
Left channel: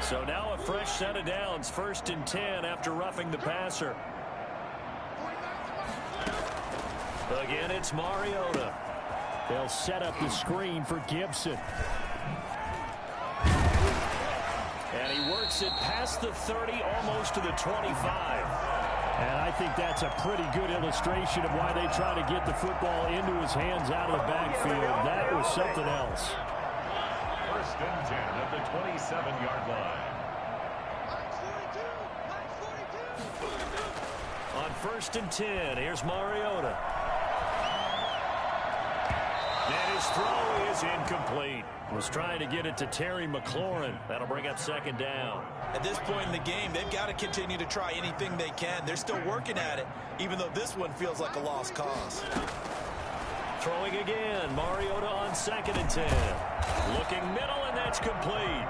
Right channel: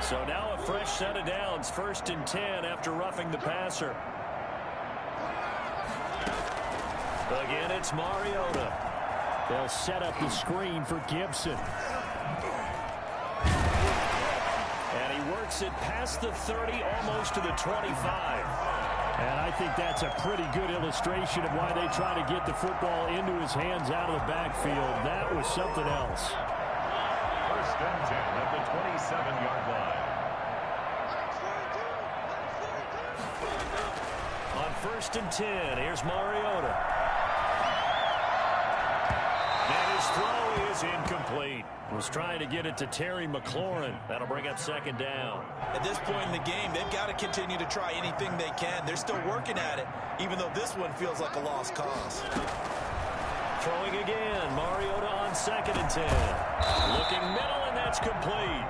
So now a fresh set of downs. 1st and 10 after roughing the passer. Again, it's Mariota. They'll set up the screen for Gibson. And he works it past the 30, almost to the 25. And I think that's a pretty good illustration of why they try to get the football into his hands out of the backfield. That was something else. 1st and 10 at the 27-yard line. On 1st and 10, here's Mariota. And his throw is incomplete. Was trying to get it to Terry McLaurin. That'll bring up second down. At this point in the game, they've got to continue to try anything they can. They're still working at it, even though this one feels like a lost cause. Throwing again. Mariota on 2nd and 10. Looking middle, and that's complete.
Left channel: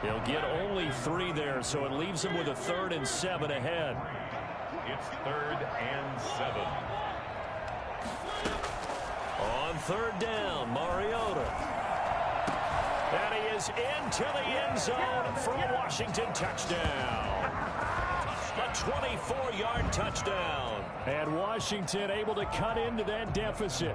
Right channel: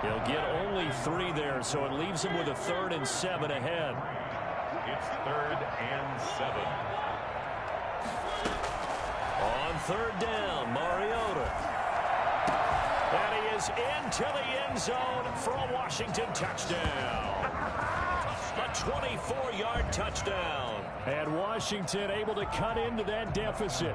He'll get only 3 there, so it leaves him with a 3rd and 7 ahead. It's 3rd and 7. On 3rd down, Mariota. And he is into the end zone for a Washington touchdown. A 24-yard touchdown. And Washington able to cut into that deficit.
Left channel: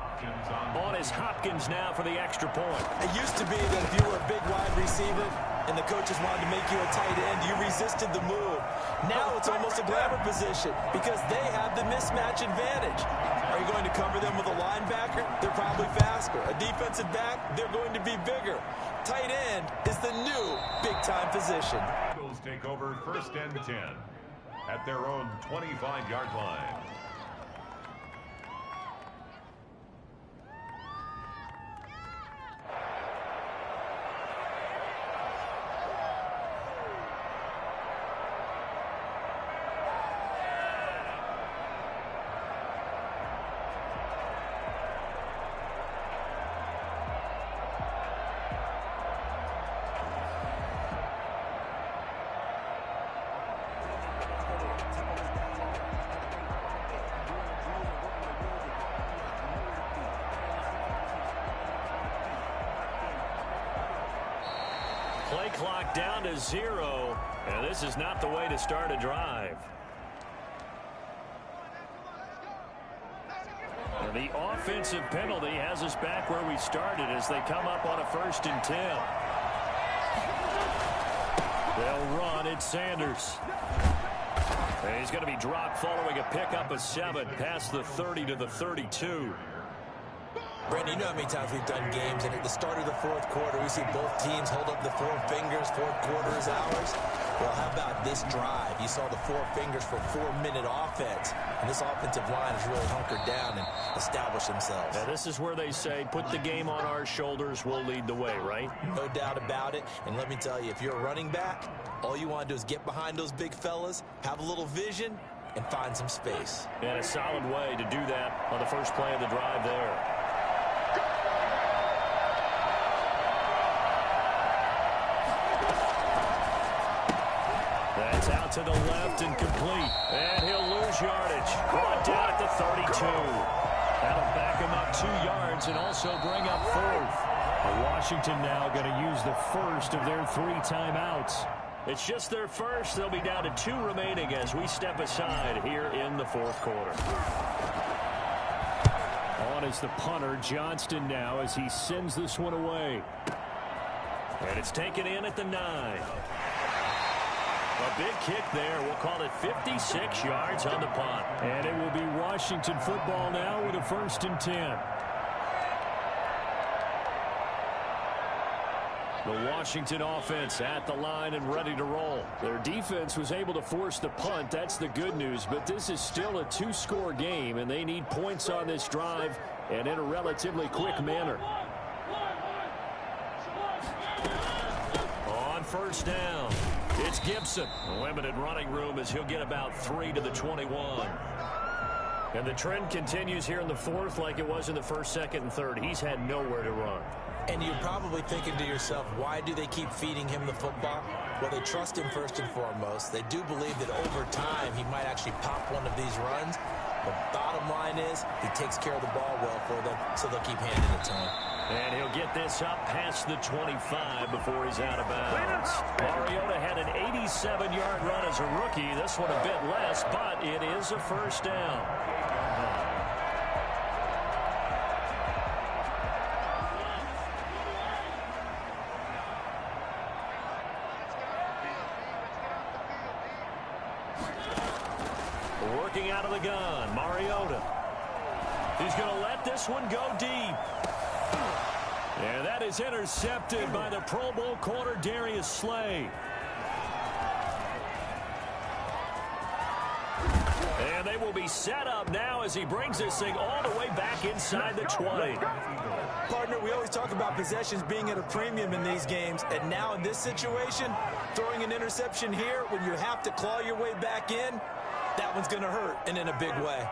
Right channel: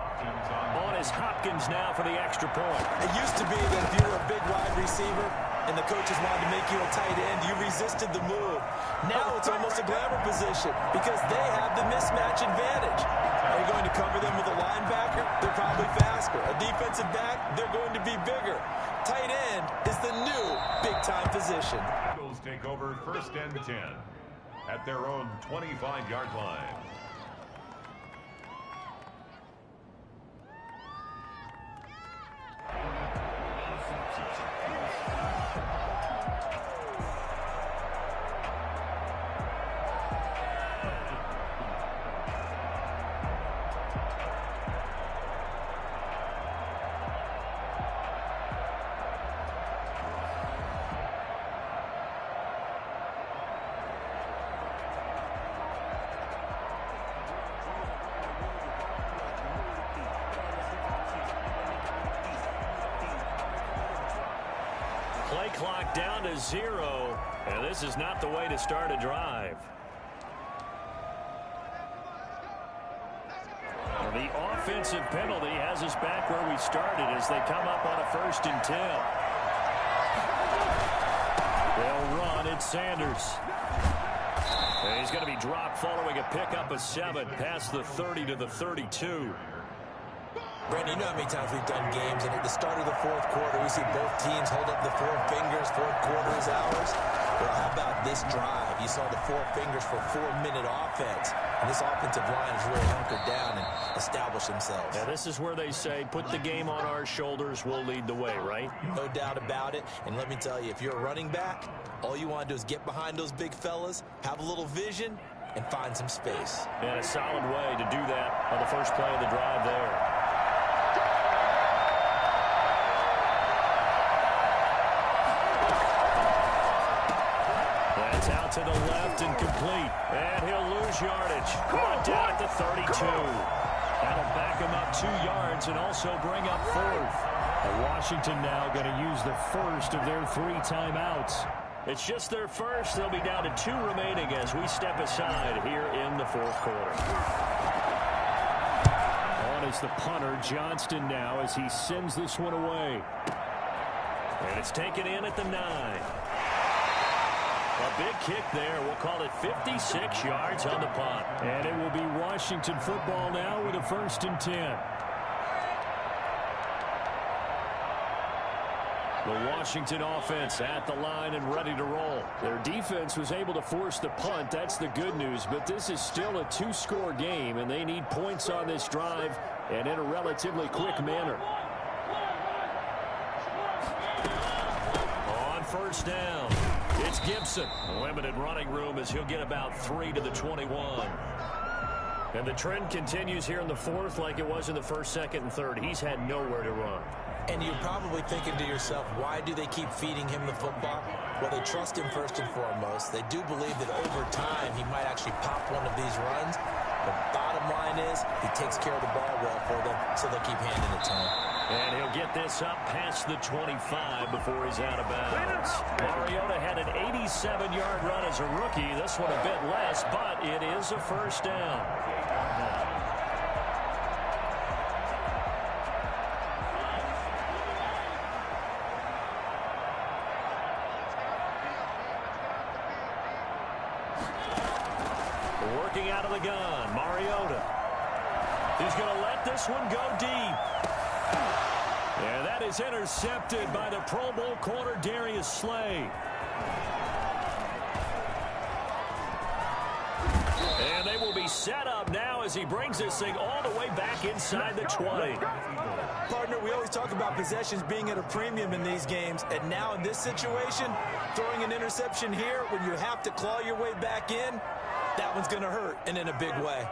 On is Hopkins now for the extra point. It used to be that if you were a big wide receiver and the coaches wanted to make you a tight end, you resisted the move. Now it's almost a glamour position because they have the mismatch advantage. Are you going to cover them with a linebacker? They're probably faster. A defensive back? They're going to be bigger. Tight end is the new big-time position. Eagles take over 1st and 10 at their own 25-yard line. Play clock down to 0, and this is not the way to start a drive. And the offensive penalty has us back where we started as they come up on a 1st and 10. They'll run. It's Sanders. And he's going to be dropped following a pickup of 7 past the 30 to the 32. Brandon, you know how many times we've done games, and at the start of the 4th quarter, we see both teams hold up the 4 fingers, 4th quarter is ours. Well, how about this drive? You saw the 4 fingers for 4-minute offense, and this offensive line has really hunkered down and established themselves. Now, this is where they say, put the game on our shoulders, we'll lead the way, right? No doubt about it, and let me tell you, if you're a running back, all you want to do is get behind those big fellas, have a little vision, and find some space. And a solid way to do that on the first play of the drive there. That's out to the left and complete. And he'll lose yardage. Brought down at the 32. That'll back him up 2 yards and also bring up 4th. Washington now going to use the first of their 3 timeouts. It's just their first. They'll be down to 2 remaining as we step aside here in the 4th quarter. On is the punter, Johnston, now as he sends this one away. And it's taken in at the 9. A big kick there. We'll call it 56 yards on the punt. And it will be Washington football now with a 1st and 10. The Washington offense at the line and ready to roll. Their defense was able to force the punt. That's the good news. But this is still a 2-score game, and they need points on this drive and in a relatively quick manner. On 1st down, it's Gibson. Limited running room as he'll get about 3 to the 21. And the trend continues here in the 4th like it was in the 1st, 2nd, and 3rd. He's had nowhere to run. And you're probably thinking to yourself, why do they keep feeding him the football? Well, they trust him first and foremost. They do believe that over time he might actually pop one of these runs. But bottom line is he takes care of the ball well for them, so they'll keep handing it to him. And he'll get this up past the 25 before he's out of bounds. Mariota had an 87-yard run as a rookie. This one a bit less, but it is a 1st down. Working out of the gun, Mariota. He's going to let this one go deep. And that is intercepted by the Pro Bowl corner, Darius Slay. And they will be set up now as he brings this thing all the way back inside the 20. partner, we always talk about possessions being at a premium in these games, and now in this situation, throwing an interception here when you have to claw your way back in, that one's going to hurt, and in a big way.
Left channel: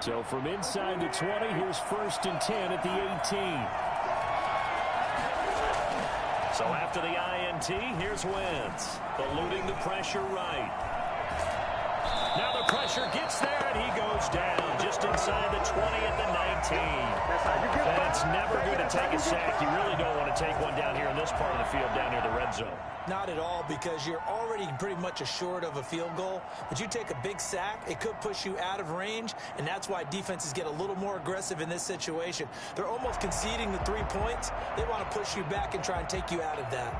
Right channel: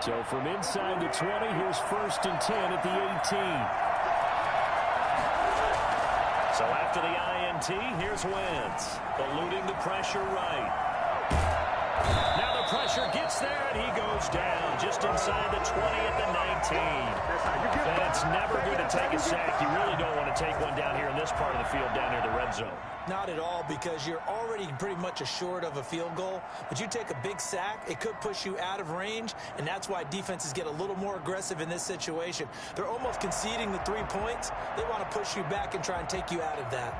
So from inside the 20, here's 1st and 10 at the 18. So after the INT, here's Wentz, eluding the pressure right. Now the pressure gets there, and he goes down just inside the 20 at the 19. And it's never good to take a sack. You really don't want to take one down here in this part of the field, down near the red zone. Not at all, because you're already pretty much assured of a field goal. But you take a big sack, it could push you out of range, and that's why defenses get a little more aggressive in this situation. They're almost conceding the 3 points. They want to push you back and try and take you out of that.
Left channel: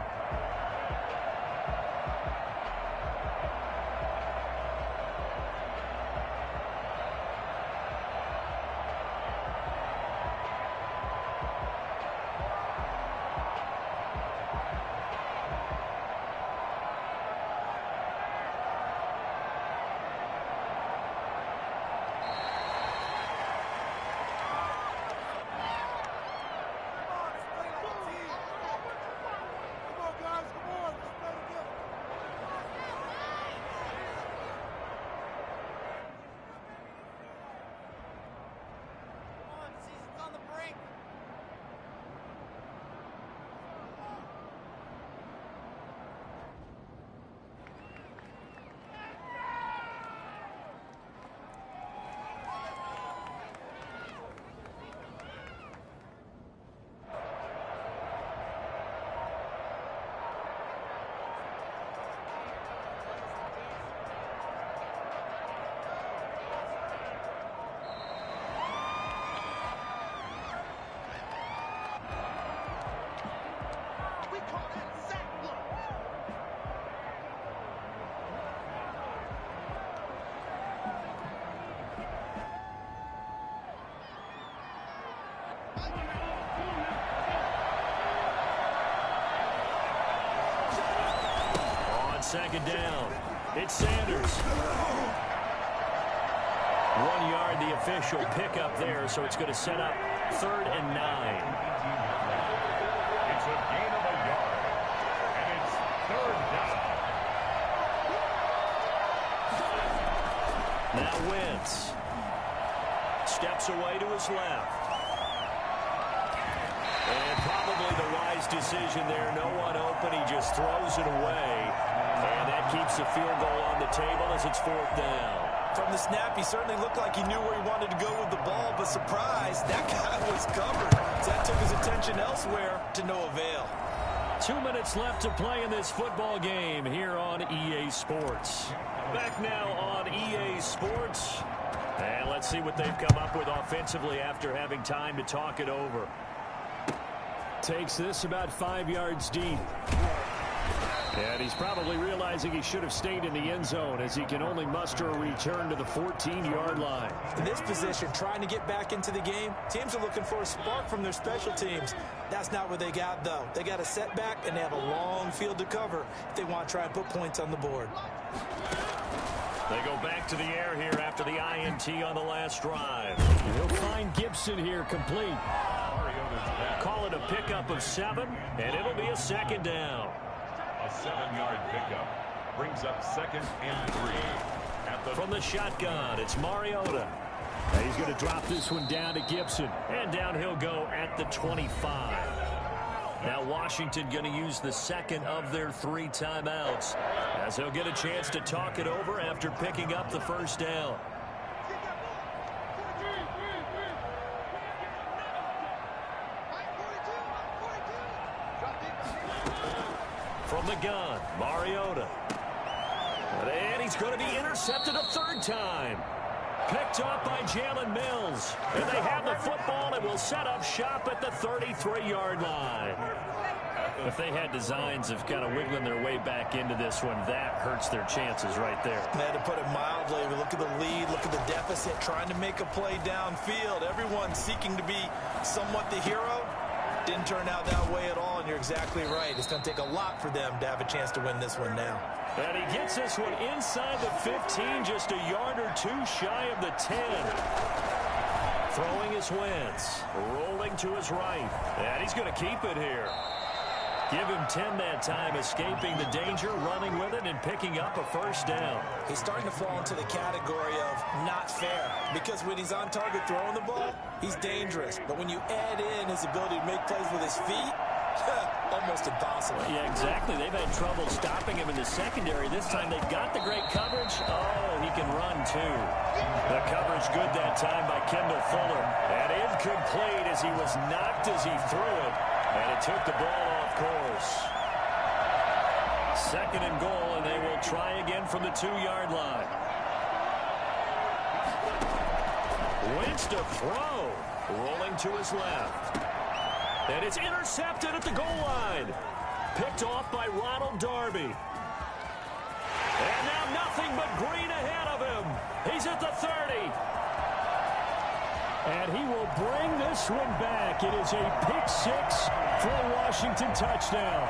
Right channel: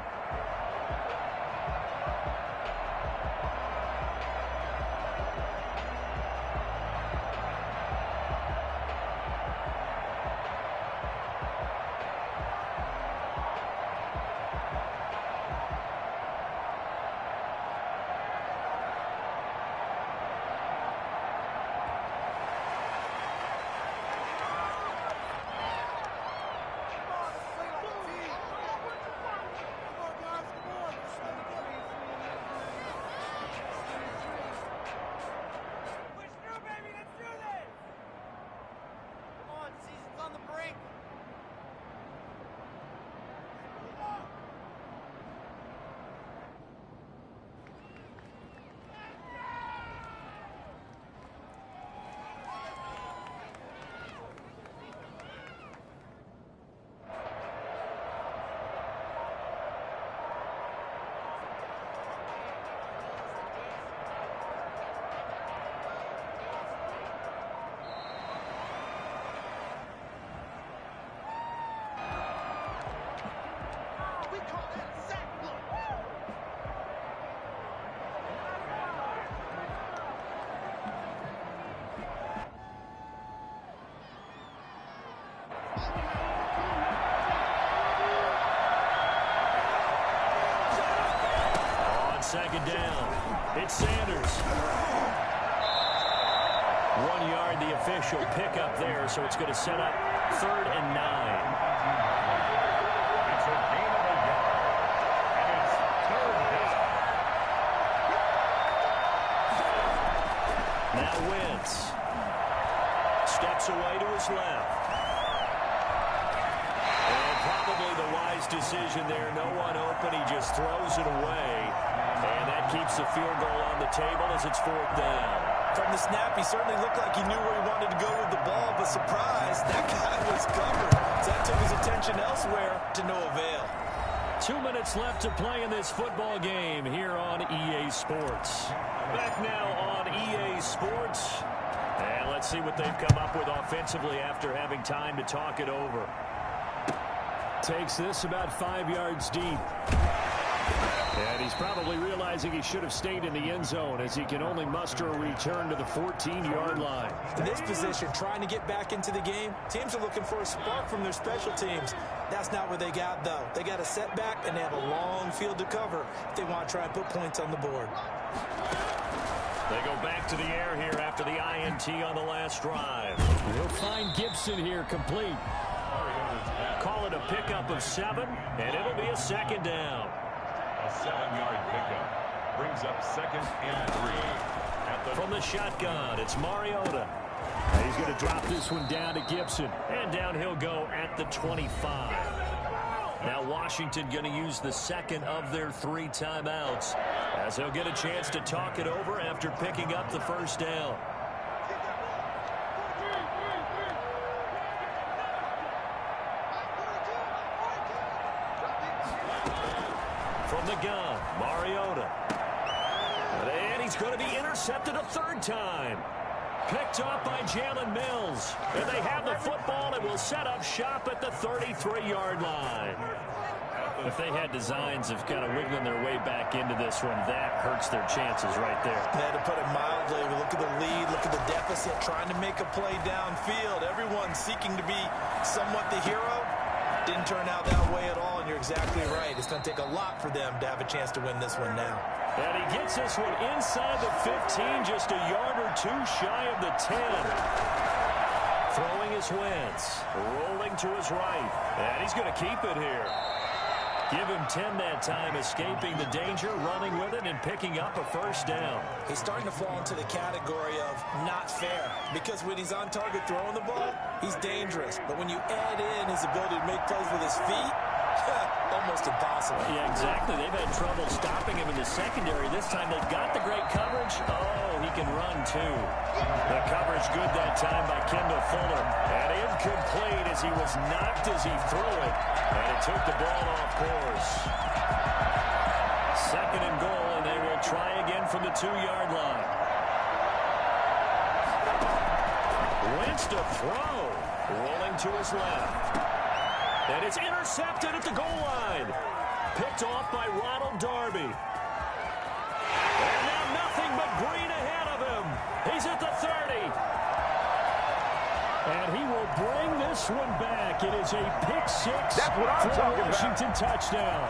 On second down, it's Sanders. 1 yard, the official pickup there, so it's going to set up 3rd and 9. It's a gain of a yard, and it's 3rd down. Now Wentz steps away to his left. And probably the wise decision there. No one open. He just throws it away. And that keeps the field goal on the table as it's 4th down. From the snap, he certainly looked like he knew where he wanted to go with the ball, but surprise, that guy was covered. So that took his attention elsewhere to no avail. 2 minutes left to play in this football game here on EA Sports. Back now on EA Sports. And let's see what they've come up with offensively after having time to talk it over. Takes this about 5 yards deep. And he's probably realizing he should have stayed in the end zone as he can only muster a return to the 14-yard line. In this position, trying to get back into the game, teams are looking for a spark from their special teams. That's not what they got, though. They got a setback, and they have a long field to cover if they want to try and put points on the board. They go back to the air here after the INT on the last drive. He'll find Gibson here complete. Call it a pickup of 7, and it'll be a 2nd down. A 7-yard pickup brings up 2nd and 3. From the shotgun, it's Mariota. He's going to drop this one down to Gibson. And down he'll go at the 25. Now Washington going to use the 2nd of their 3 timeouts as he'll get a chance to talk it over after picking up the 1st down. From the gun, Mariota. And he's going to be intercepted a 3rd time. Picked off by Jalen Mills. And they have the football and will set up shop at the 33-yard line. If they had designs of kind of wiggling their way back into this one, that hurts their chances right there. And to put it mildly, look at the lead, look at the deficit, trying to make a play downfield. Everyone seeking to be somewhat the hero. Didn't turn out that way at all, and you're exactly right. It's going to take a lot for them to have a chance to win this one now. And he gets this one inside the 15, just a yard or two shy of the 10. Throwing his Wentz, rolling to his right, and he's going to keep it here. Give him 10 that time, escaping the danger, running with it, and picking up a first down. He's starting to fall into the category of not fair, because when he's on target throwing the ball, he's dangerous. But when you add in his ability to make plays with his feet, almost impossible. Yeah, exactly. They've had trouble stopping him in the secondary. This time they've got the great coverage. Oh, he can run, too. The coverage good that time by Kendall Fuller. And incomplete as he was knocked as he threw it. And it took the ball off course. Second and goal, and they will try again from the 2-yard line. Wentz to throw. Rolling to his left. And it's intercepted at the goal line. Picked off by Ronald Darby. And now nothing but green ahead of him. He's at the 30. And he will bring this one back. It is a pick-6 for a Washington touchdown.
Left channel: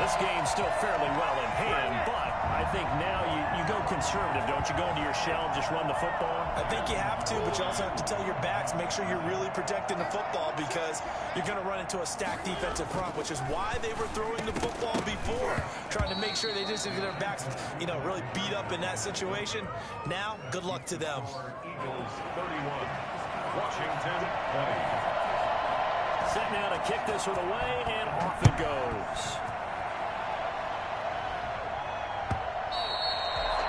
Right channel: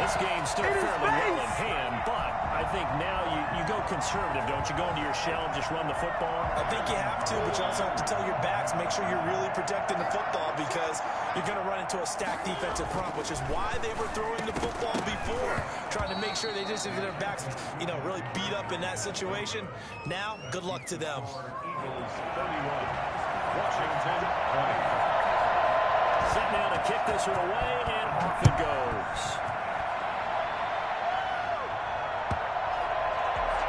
This game's still fairly well in hand, but I think now you go conservative, don't you? Go into your shell and just run the football? I think you have to, but you also have to tell your backs, make sure you're really protecting the football, because you're going to run into a stacked defensive front, which is why they were throwing the football before, trying to make sure they just get their backs, really beat up in that situation. Now, good luck to them. Eagles 31, Washington 20. Set now to kick this one away, and off it goes.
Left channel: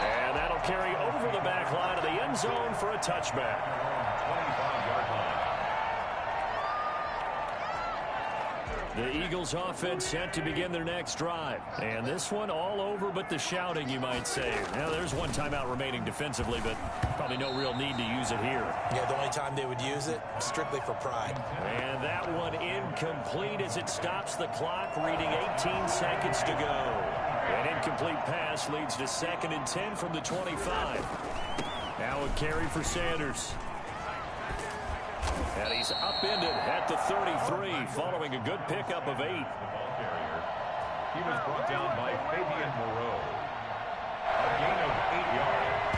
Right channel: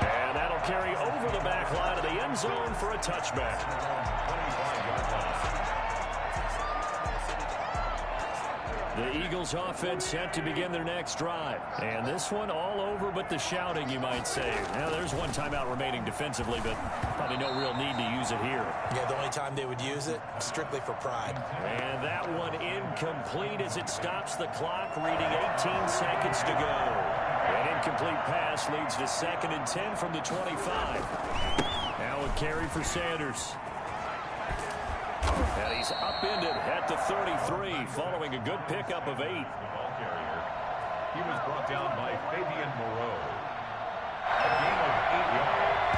And that'll carry over the back line of the end zone for a touchback. 25-yard line. The Eagles offense set to begin their next drive. And this one all over but the shouting, you might say. Now, there's one timeout remaining defensively, but probably no real need to use it here. Yeah, the only time they would use it, strictly for pride. And that one incomplete as it stops the clock, reading 18 seconds to go. An incomplete pass leads to 2nd and 10 from the 25. Now a carry for Sanders. And he's upended at the 33, following a good pickup of 8. The ball carrier. He was brought down by Fabian Moreau. A gain of 8 yards.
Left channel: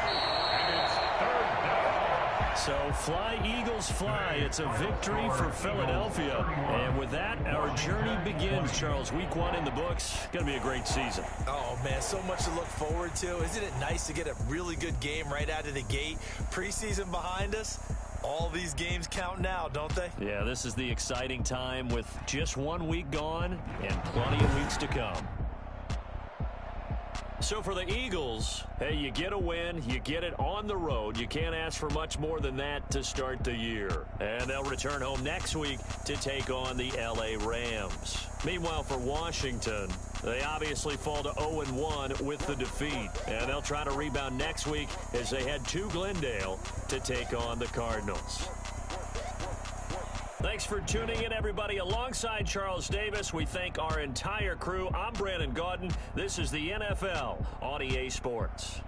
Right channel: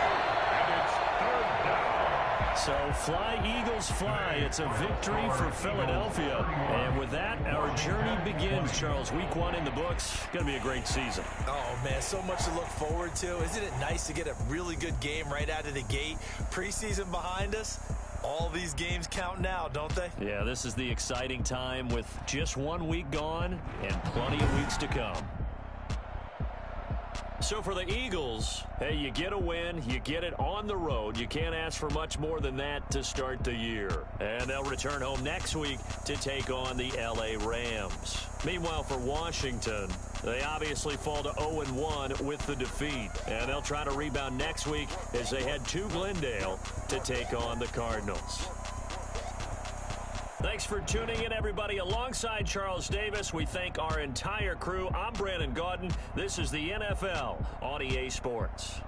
And it's 3rd down. So fly, Eagles, fly. It's a victory for Philadelphia. And with that, our journey begins, Charles. Week 1 in the books. Going to be a great season. Oh, man, so much to look forward to. Isn't it nice to get a really good game right out of the gate? Preseason behind us. All these games count now, don't they? Yeah, this is the exciting time with just 1 week gone and plenty of weeks to come. So for the Eagles, hey, you get a win, you get it on the road. You can't ask for much more than that to start the year. And they'll return home next week to take on the LA Rams. Meanwhile, for Washington, they obviously fall to 0-1 with the defeat. And they'll try to rebound next week as they head to Glendale to take on the Cardinals. Thanks for tuning in, everybody. Alongside Charles Davis, we thank our entire crew. I'm Brandon Gaudin. This is the NFL on EA Sports.